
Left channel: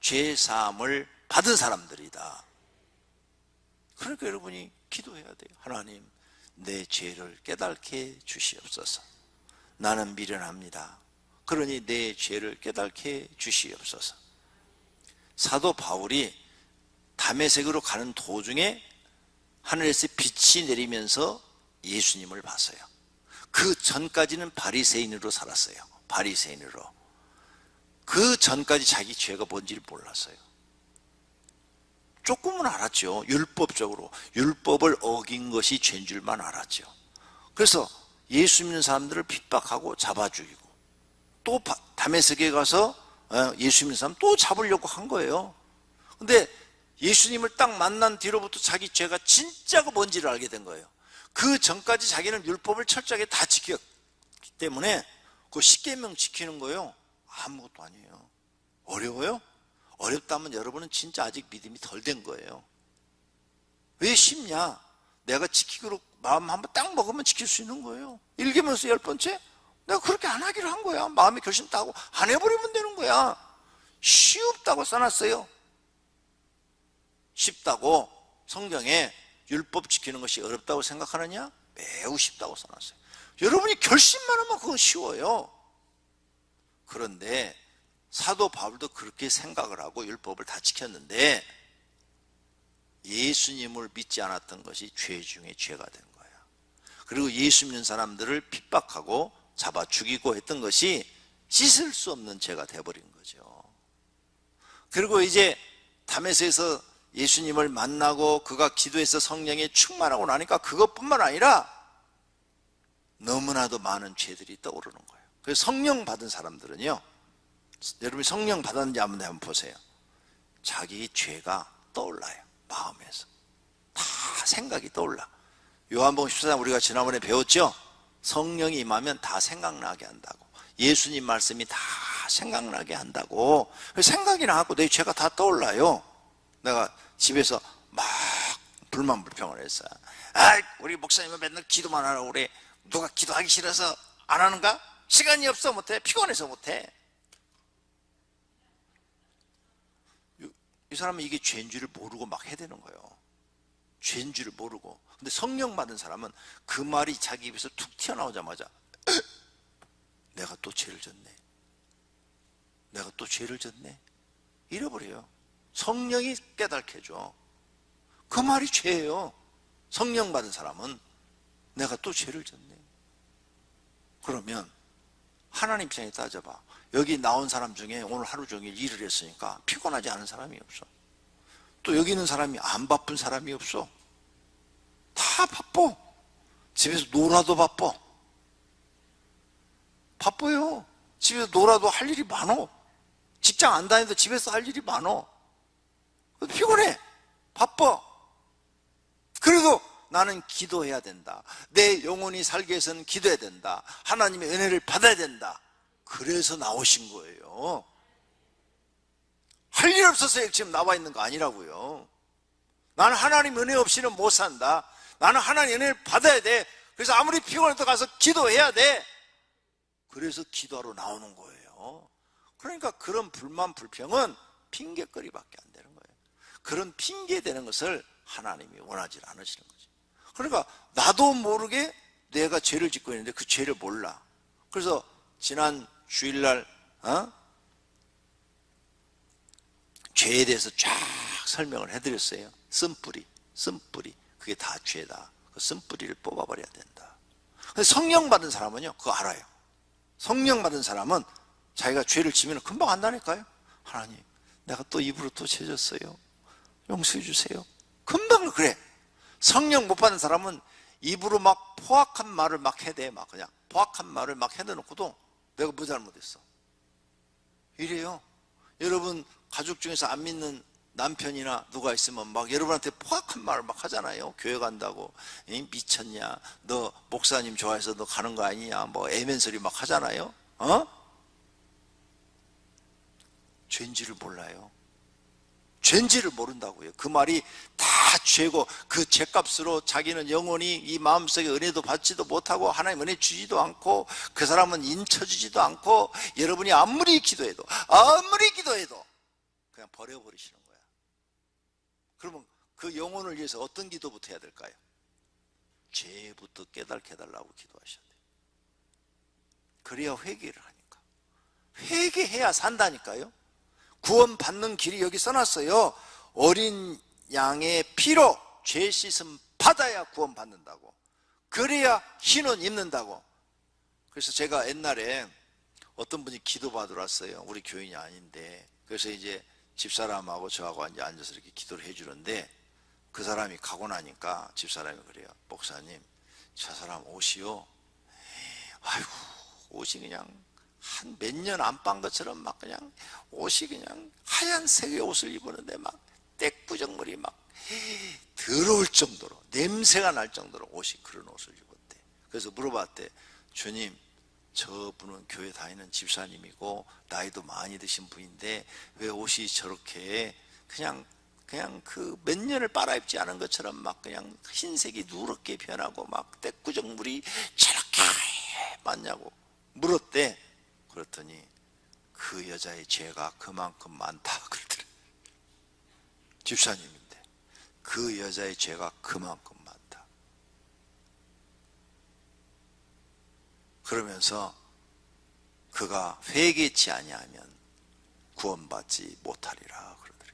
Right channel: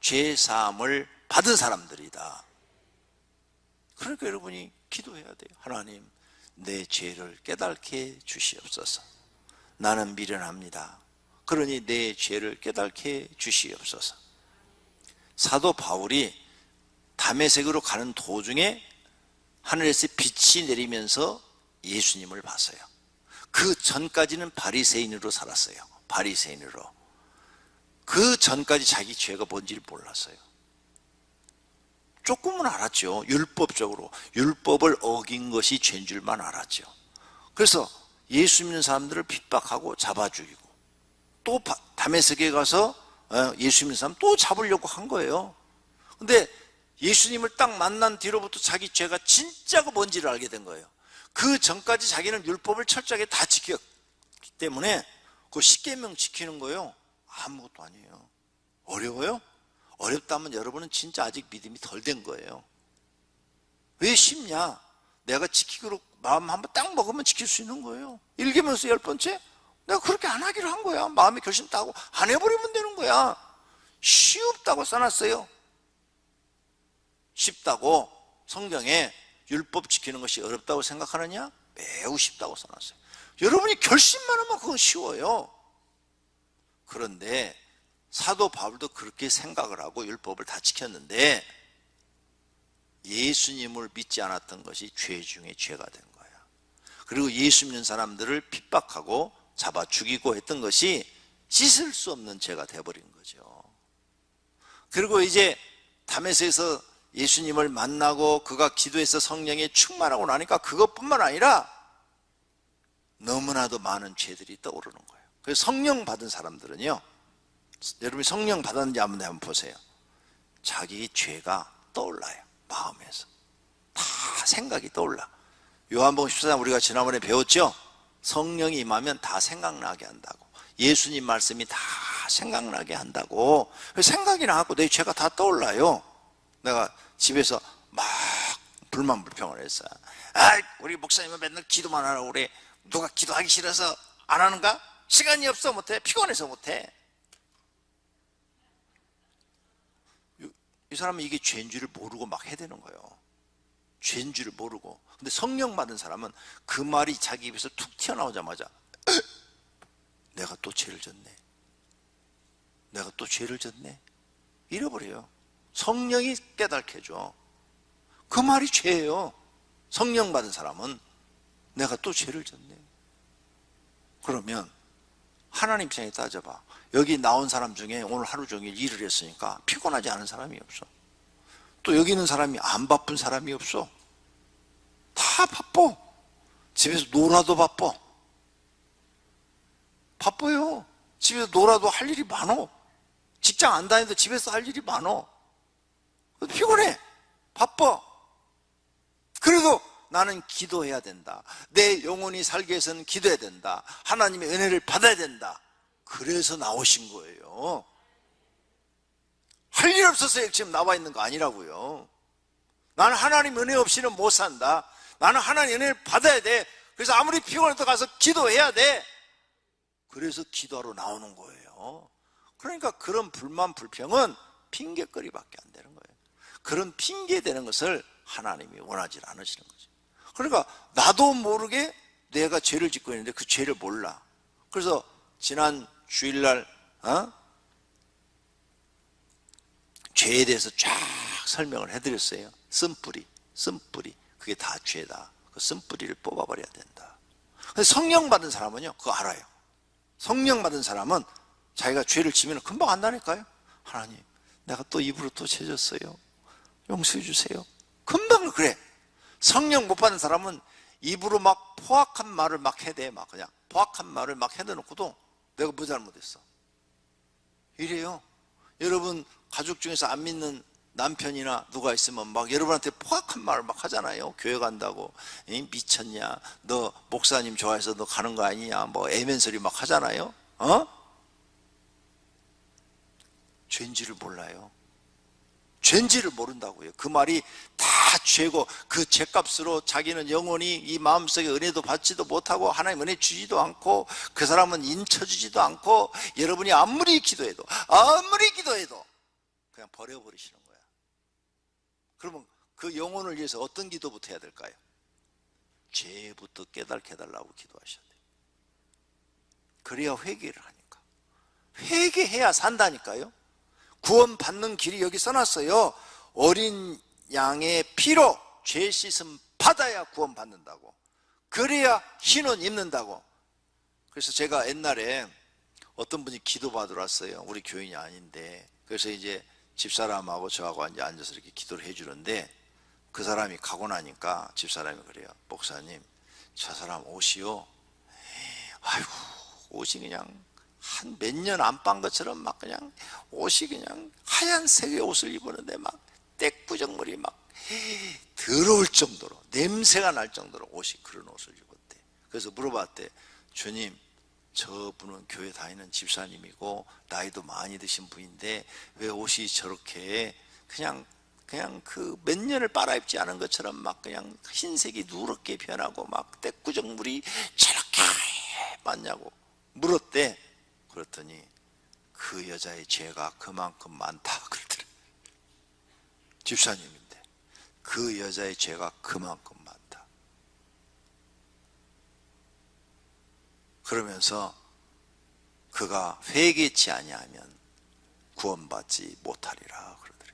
죄 사함을 받은 사람들이다. 그러니까 여러분이 기도해야 돼요. 하나님, 내 죄를 깨닫게 주시옵소서. 나는 미련합니다. 그러니 내 죄를 깨닫게 주시옵소서. 사도 바울이 다메섹으로 가는 도중에 하늘에서 빛이 내리면서 예수님을 봤어요. 그 전까지는 바리새인으로 살았어요. 바리새인으로. 그 전까지 자기 죄가 뭔지를 몰랐어요. 조금은 알았죠. 율법적으로. 율법을 어긴 것이 죄인 줄만 알았죠. 그래서 예수 믿는 사람들을 핍박하고 잡아 죽이고 또 다메섹에 가서 예수 믿는 사람 또 잡으려고 한 거예요. 근데 예수님을 딱 만난 뒤로부터 자기 죄가 진짜가 뭔지를 알게 된 거예요. 그 전까지 자기는 율법을 철저하게 다 지켰기 때문에 그 십계명 지키는 거예요. 아무것도 아니에요. 어려워요? 어렵다면 여러분은 진짜 아직 믿음이 덜 된 거예요. 왜 쉽냐? 내가 지키기로 마음 한번 딱 먹으면 지킬 수 있는 거예요. 1계명서 10번째? 내가 그렇게 안 하기로 한 거야. 마음에 결심 따고 안 해버리면 되는 거야. 쉽다고 써놨어요. 쉽다고 성경에 율법 지키는 것이 어렵다고 생각하느냐? 매우 쉽다고 써놨어요. 여러분이 결심만 하면 그거 쉬워요. 그런데 사도 바울도 그렇게 생각을 하고 율법을 다 지켰는데 예수님을 믿지 않았던 것이 죄 중에 죄가 된 거예요. 그리고 예수 믿는 사람들을 핍박하고 잡아 죽이고 했던 것이 씻을 수 없는 죄가 돼버린 거죠. 그리고 이제 다메섹에서 예수님을 만나고 그가 기도해서 성령에 충만하고 나니까 그것뿐만 아니라 너무나도 많은 죄들이 떠오르는 거예요. 그래서 성령 받은 사람들은요, 여러분이 성령 받았는지 한번 보세요. 자기 죄가 떠올라요. 마음에서 다 생각이 떠올라. 요한복음 14장 우리가 지난번에 배웠죠. 성령이 임하면 다 생각나게 한다고. 예수님 말씀이 다 생각나게 한다고. 생각이 나고 내 죄가 다 떠올라요. 내가 집에서 막 불만불평을 했어요. 우리 목사님은 맨날 기도만 하라고 그래. 누가 기도하기 싫어서 안 하는가? 시간이 없어 못해. 피곤해서 못해. 이 사람은 이게 죄인 줄을 모르고 막 해대는 거예요. 죄인 줄을 모르고. 근데 성령 받은 사람은 그 말이 자기 입에서 툭 튀어나오자마자 내가 또 죄를 졌네. 내가 또 죄를 졌네. 잃어버려요. 성령이 깨닫게 해줘. 그 말이 죄예요. 성령 받은 사람은 내가 또 죄를 졌네. 그러면 하나님 입장에 따져봐. 여기 나온 사람 중에 오늘 하루 종일 일을 했으니까 피곤하지 않은 사람이 없어. 또 여기 있는 사람이 안 바쁜 사람이 없어. 다 바빠. 집에서 놀아도 바빠. 바빠요. 집에서 놀아도 할 일이 많어. 직장 안 다녀도 집에서 할 일이 많어. 피곤해. 바빠. 그래도 나는 기도해야 된다. 내 영혼이 살기 위해서는 기도해야 된다. 하나님의 은혜를 받아야 된다. 그래서 나오신 거예요. 할 일 없어서 지금 나와 있는 거 아니라고요. 나는 하나님 은혜 없이는 못 산다. 나는 하나님 은혜를 받아야 돼. 그래서 아무리 피곤해도 가서 기도해야 돼. 그래서 기도하러 나오는 거예요. 그러니까 그런 불만 불평은 핑계거리밖에 안 되는 거예요. 그런 핑계 대는 것을 하나님이 원하지 않으시는 거죠. 그러니까 나도 모르게 내가 죄를 짓고 있는데 그 죄를 몰라. 그래서 지난 주일날 죄에 대해서 쫙 설명을 해드렸어요. 쓴뿌리 그게 다 죄다. 그 쓴뿌리를 뽑아버려야 된다. 성령 받은 사람은요 그거 알아요. 성령 받은 사람은 자기가 죄를 지면 금방 안다니까요. 하나님 내가 또 입으로 또 죄졌어요. 용서해 주세요. 금방 그래. 성령 못 받은 사람은 입으로 막 포악한 말을 막 해대. 막 그냥 포악한 말을 막 해대놓고도 내가 뭐 잘못했어. 이래요. 여러분 가족 중에서 안 믿는 남편이나 누가 있으면 막 여러분한테 포악한 말을 막 하잖아요. 교회 간다고 미쳤냐, 너 목사님 좋아해서 너 가는 거 아니냐, 뭐 애면소리 막 하잖아요. 죄인지를 몰라요. 죄인지를 모른다고요. 그 말이 다 죄고 그 죄값으로 자기는 영원히 이 마음속에 은혜도 받지도 못하고 하나님 은혜 주지도 않고 그 사람은 인쳐주지도 않고 여러분이 아무리 기도해도 그냥 버려버리시는 거야. 그러면 그 영혼을 위해서 어떤 기도부터 해야 될까요? 죄부터 깨닫게 해달라고 기도하셔야 돼요. 그래야 회개를 하니까. 회개해야 산다니까요. 구원받는 길이 여기 써놨어요. 어린 양의 피로 죄 씻음 받아야 구원받는다고. 그래야 흰옷 입는다고. 그래서 제가 옛날에 어떤 분이 기도받으러 왔어요. 우리 교인이 아닌데. 그래서 이제 집사람하고 저하고 앉아서 이렇게 기도를 해주는데 그 사람이 가고 나니까 집사람이 그래요. 목사님, 저 사람 옷이요. 아이고, 옷이 그냥 한 몇 년 안 빤 것처럼 막 그냥 옷이 그냥 하얀색의 옷을 입었는데 막 떼꾸정물이 막 더러울 정도로 냄새가 날 정도로 옷이 그런 옷을 입었대. 그래서 물어봤대. 주님, 저분은 교회 다니는 집사님이고 나이도 많이 드신 분인데 왜 옷이 저렇게 그냥 그 몇 년을 빨아입지 않은 것처럼 막 그냥 흰색이 누렇게 변하고 막 떼꾸정물이 저렇게 많냐고 물었대. 그랬더니 그 여자의 죄가 그만큼 많다 그러더래. 집사님인데 그 여자의 죄가 그만큼 많다. 그러면서 그가 회개치 아니하면 구원받지 못하리라 그러더래.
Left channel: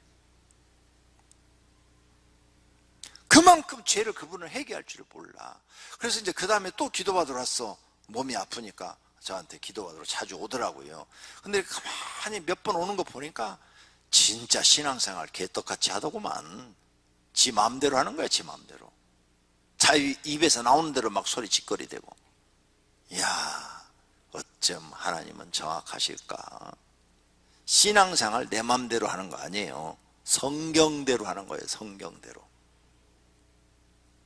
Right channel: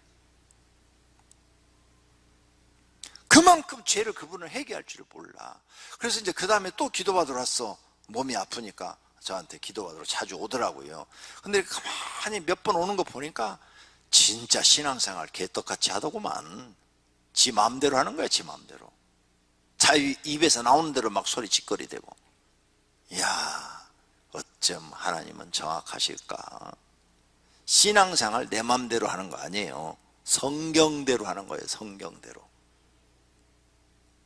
그만큼 죄를 그분은 회개할 줄을 몰라. 그래서 이제 그 다음에 또 기도받으러 왔어. 몸이 아프니까 저한테 기도받으러 자주 오더라고요. 근데 가만히 몇 번 오는 거 보니까 진짜 신앙생활 개떡같이 하더구만. 지 마음대로 하는 거야. 지 마음대로. 자기 입에서 나오는 대로 막 소리 짓거리대고. 이야, 어쩜 하나님은 정확하실까. 신앙생활 내 마음대로 하는 거 아니에요. 성경대로 하는 거예요. 성경대로.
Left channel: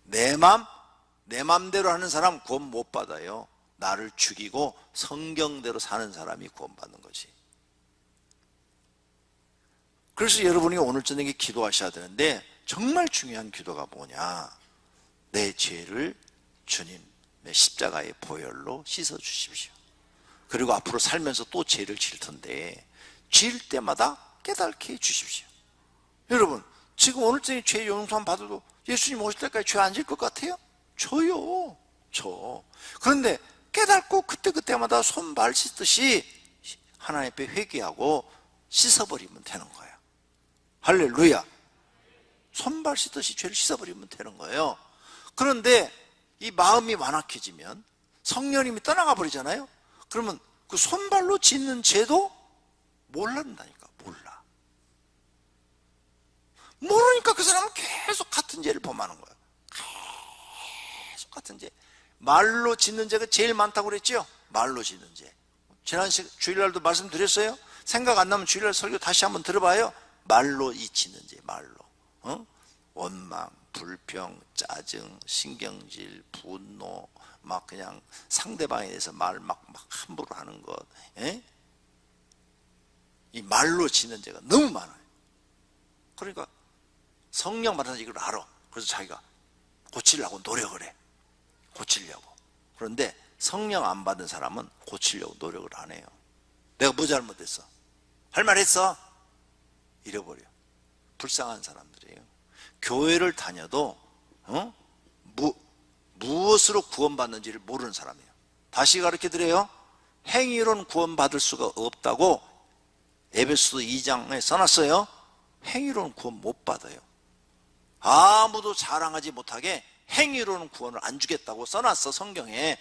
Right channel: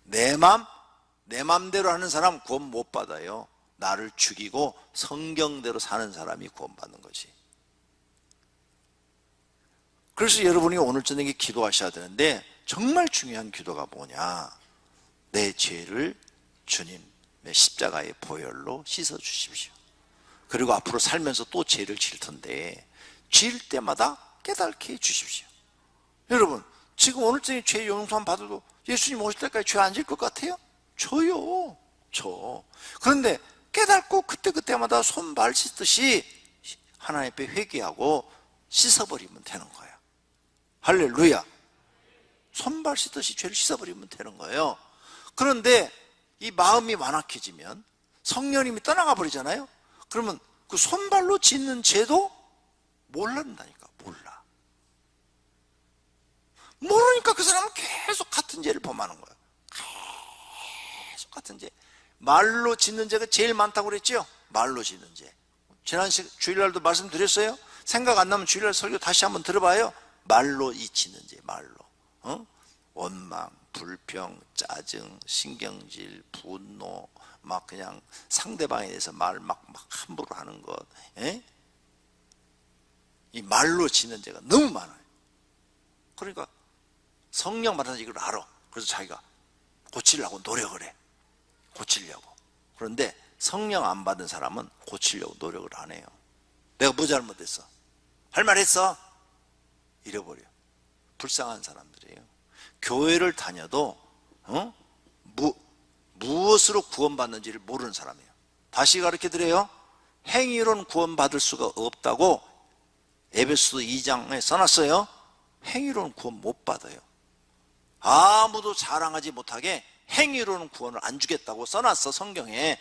내 맘대로 하는 사람 구원 못 받아요. 나를 죽이고 성경대로 사는 사람이 구원받는 것이. 그래서 여러분이 오늘 저녁에 기도하셔야 되는데 정말 중요한 기도가 뭐냐. 내 죄를 주님의 십자가의 보혈로 씻어주십시오. 그리고 앞으로 살면서 또 죄를 질 텐데 질 때마다 깨닫게 해주십시오. 여러분 지금 오늘 저녁에 죄 용서 받아도 예수님 오실 때까지 죄 안 질 것 같아요? 저요. 저. 그런데 깨닫고 그때마다 손발 씻듯이 하나님 앞에 회개하고 씻어버리면 되는 거예요. 할렐루야. 손발 씻듯이 죄를 씻어버리면 되는 거예요. 그런데 이 마음이 완악해지면 성령님이 떠나가 버리잖아요. 그러면 그 손발로 짓는 죄도 모른다니까. 몰라. 모르니까 그 사람은 계속 같은 죄를 범하는 거예요. 계속 같은 죄. 말로 짓는 죄가 제일 많다고 그랬죠? 말로 짓는 죄. 지난 주일날도 말씀드렸어요? 생각 안 나면 주일날 설교 다시 한번 들어봐요. 말로 짓는 죄, 말로. 원망, 불평, 짜증, 신경질, 분노, 막 그냥 상대방에 대해서 말 막 함부로 하는 것. 이 말로 짓는 죄가 너무 많아요. 그러니까 성령 받은 이걸 알아. 그래서 자기가 고치려고 노력을 해. 고치려고. 그런데 성령 안 받은 사람은 고치려고 노력을 안 해요. 내가 뭐 잘못했어? 할 말 했어? 잃어버려. 불쌍한 사람들이에요. 교회를 다녀도 무엇으로 구원받는지를 모르는 사람이에요. 다시 가르쳐드려요. 행위로는 구원받을 수가 없다고 에베소서 2장에 써놨어요. 행위로는 구원 못 받아요. 아무도 자랑하지 못하게 행위로는 구원을 안 주겠다고 써놨어, 성경에.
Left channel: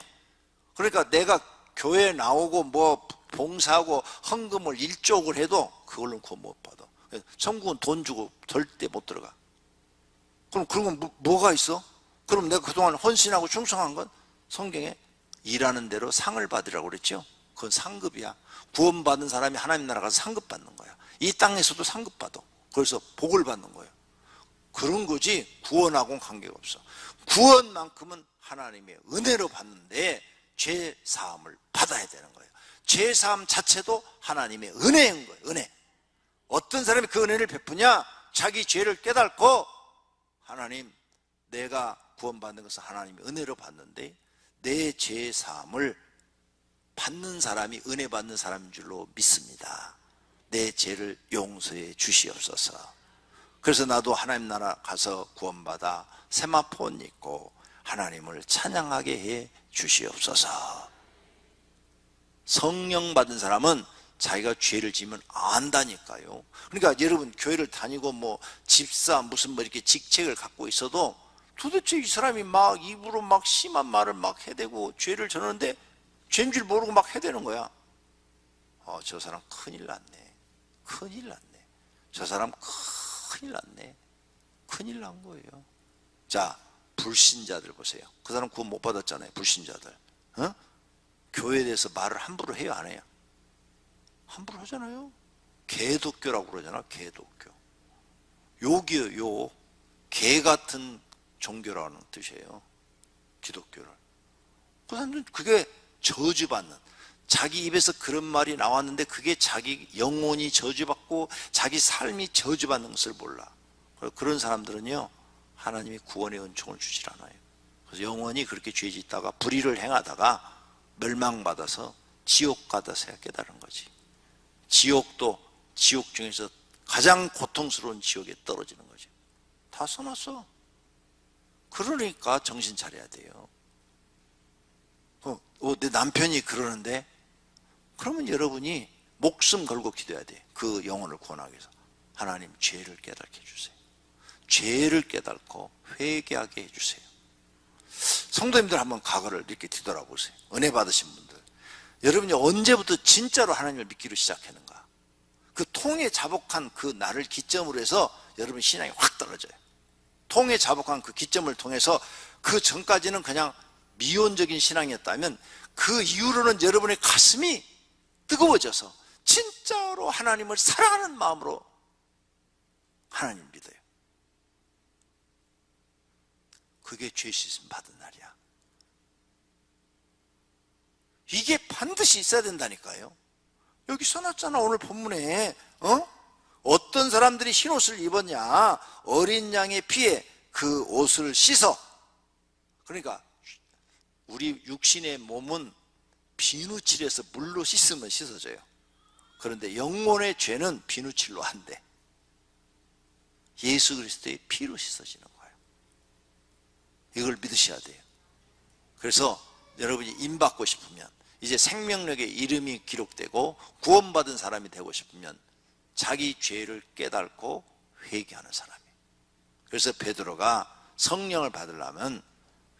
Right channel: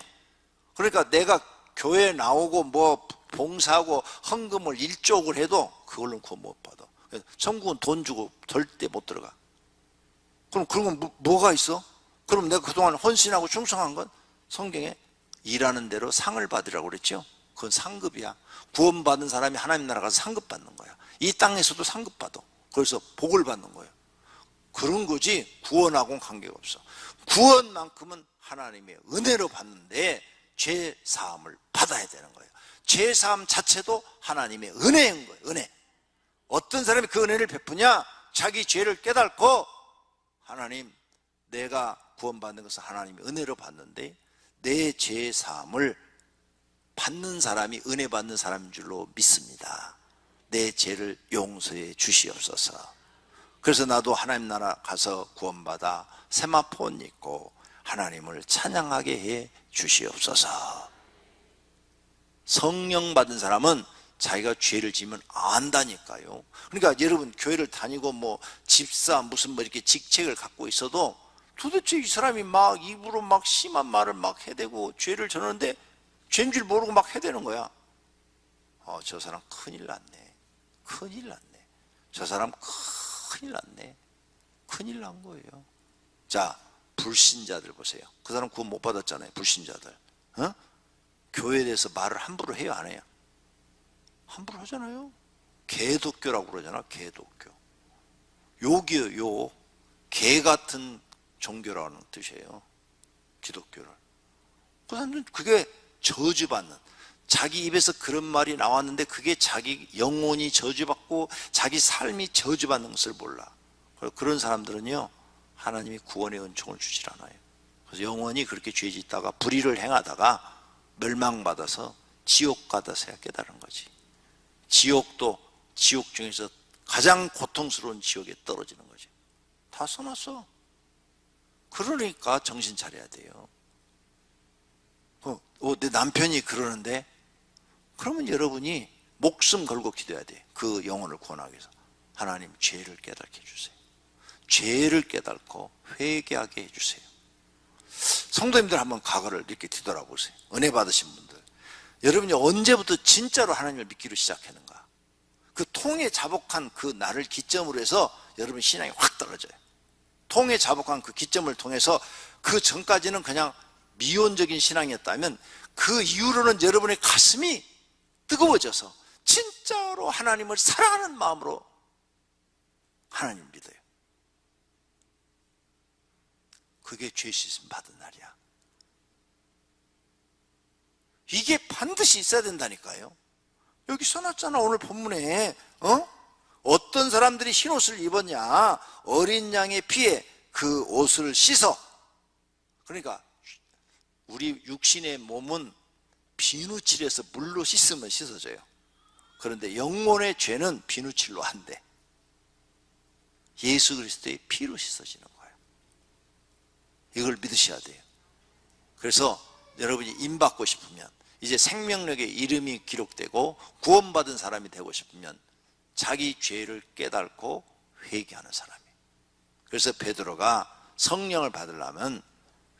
그러니까 내가 교회에 나오고 뭐 봉사하고 헌금을 1조억을 해도 그걸로는 구원 못 받아. 천국은 돈 주고 절대 못 들어가. 그럼 그런 건 뭐가 있어? 그럼 내가 그동안 헌신하고 충성한 건 성경에 일하는 대로 상을 받으라고 그랬죠. 그건 상급이야. 구원받은 사람이 하나님 나라 가서 상급 받는 거야. 이 땅에서도 상급 받아. 그래서 복을 받는 거예요. 그런 거지 구원하고는 관계가 없어. 구원만큼은 하나님의 은혜로 받는데 죄 사함을 받아야 되는 거예요. 죄 사함 자체도 하나님의 은혜인 거예요. 은혜. 어떤 사람이 그 은혜를 베푸냐? 자기 죄를 깨닫고 하나님, 내가 구원받는 것은 하나님의 은혜로 받는데 내 죄 사함을 받는 사람이 은혜 받는 사람인 줄로 믿습니다. 내 죄를 용서해 주시옵소서. 그래서 나도 하나님 나라 가서 구원받아 세마포 옷 입고 하나님을 찬양하게 해 주시옵소서. 성령 받은 사람은 자기가 죄를 지으면 안다니까요. 그러니까 여러분 교회를 다니고 뭐 집사 무슨 뭐 이렇게 직책을 갖고 있어도 도대체 이 사람이 막 입으로 막 심한 말을 막 해대고 죄를 저러는데 죄인 줄 모르고 막 해대는 거야. 저 사람 큰일 났네. 큰일 났네. 저 사람 큰일 났네. 큰일 난 거예요. 자, 불신자들 보세요. 그 사람 구원 못 받았잖아요. 불신자들. 교회에 대해서 말을 함부로 해요, 안 해요? 함부로 하잖아요. 개독교라고 그러잖아. 개독교. 욕이요, 욕. 개 같은 종교라는 뜻이에요. 기독교를. 그 사람들은 그게 저주받는, 자기 입에서 그런 말이 나왔는데 그게 자기 영혼이 저주받고 자기 삶이 저주받는 것을 몰라. 그런 사람들은요, 하나님이 구원의 은총을 주질 않아요. 그래서 영원히 그렇게 죄 짓다가 불의를 행하다가 멸망받아서 지옥 가다 깨달은 거지. 지옥도 지옥 중에서 가장 고통스러운 지옥에 떨어지는 거죠. 다 써놨어. 그러니까 정신 차려야 돼요. 내 남편이 그러는데 그러면 여러분이 목숨 걸고 기도해야 돼. 그 영혼을 구원하기 위해서. 하나님, 죄를 깨닫게 해주세요. 죄를 깨닫고 회개하게 해주세요. 성도님들 한번 과거를 이렇게 뒤돌아보세요. 은혜 받으신 분들. 여러분이 언제부터 진짜로 하나님을 믿기로 시작했는가? 그 통에 자복한 그 날을 기점으로 해서 여러분 신앙이 확 떨어져요. 통에 자복한 그 기점을 통해서 그 전까지는 그냥 미온적인 신앙이었다면 그 이후로는 여러분의 가슴이 뜨거워져서 진짜로 하나님을 사랑하는 마음으로 하나님을 믿어요. 그게 죄 씻음 받은 날이야. 이게 반드시 있어야 된다니까요. 여기 써놨잖아, 오늘 본문에. 어떤 사람들이 흰 옷을 입었냐? 어린 양의 피에 그 옷을 씻어. 그러니까 우리 육신의 몸은 비누칠해서 물로 씻으면 씻어져요. 그런데 영혼의 죄는 비누칠로 안 돼. 예수 그리스도의 피로 씻어지는 거예요. 이걸 믿으셔야 돼요. 그래서 여러분이 임받고 싶으면, 이제 생명력에 이름이 기록되고 구원받은 사람이 되고 싶으면 자기 죄를 깨닫고 회개하는 사람이에요. 그래서 베드로가 성령을 받으려면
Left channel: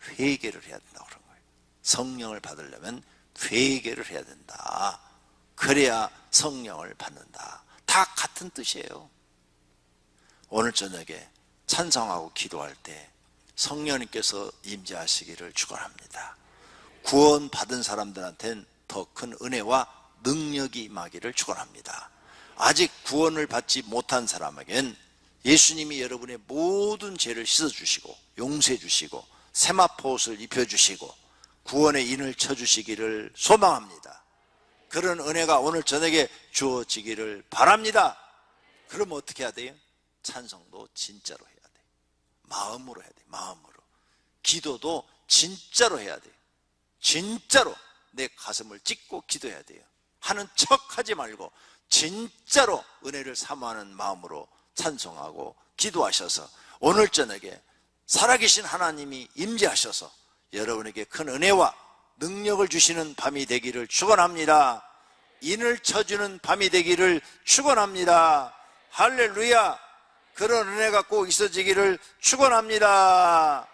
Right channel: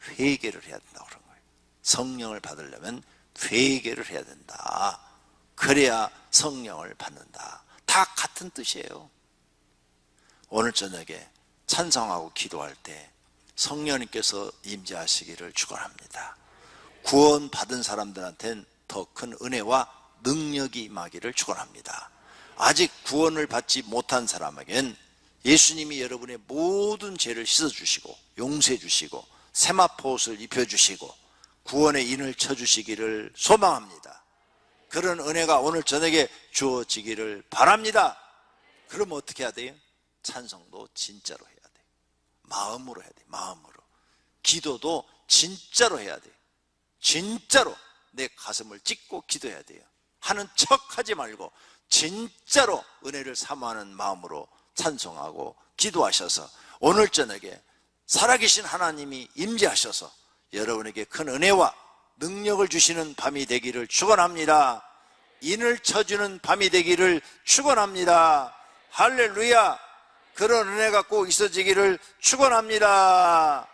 회개를 해야 된다고 그런 거예요. 성령을 받으려면 회개를 해야 된다. 그래야 성령을 받는다. 다 같은 뜻이에요. 오늘 저녁에 찬송하고 기도할 때 성령님께서 임재하시기를 축원합니다. 구원받은 사람들한테는 더 큰 은혜와 능력이 임하기를 축원합니다. 아직 구원을 받지 못한 사람에겐 예수님이 여러분의 모든 죄를 씻어주시고 용서해 주시고 세마포 옷을 입혀주시고 구원의 인을 쳐주시기를 소망합니다. 그런 은혜가 오늘 저녁에 주어지기를 바랍니다. 그럼 어떻게 해야 돼요? 찬송도 진짜로 해야 돼요. 마음으로 해야 돼요. 마음으로. 기도도 진짜로 해야 돼요. 진짜로 내 가슴을 찢고 기도해야 돼요. 하는 척하지 말고 진짜로 은혜를 사모하는 마음으로 찬송하고 기도하셔서 오늘 저녁에 살아계신 하나님이 임재하셔서 여러분에게 큰 은혜와 능력을 주시는 밤이 되기를 축원합니다. 인을 쳐주는 밤이 되기를 축원합니다. 할렐루야. 그런 은혜가 꼭 있어지기를 축원합니다.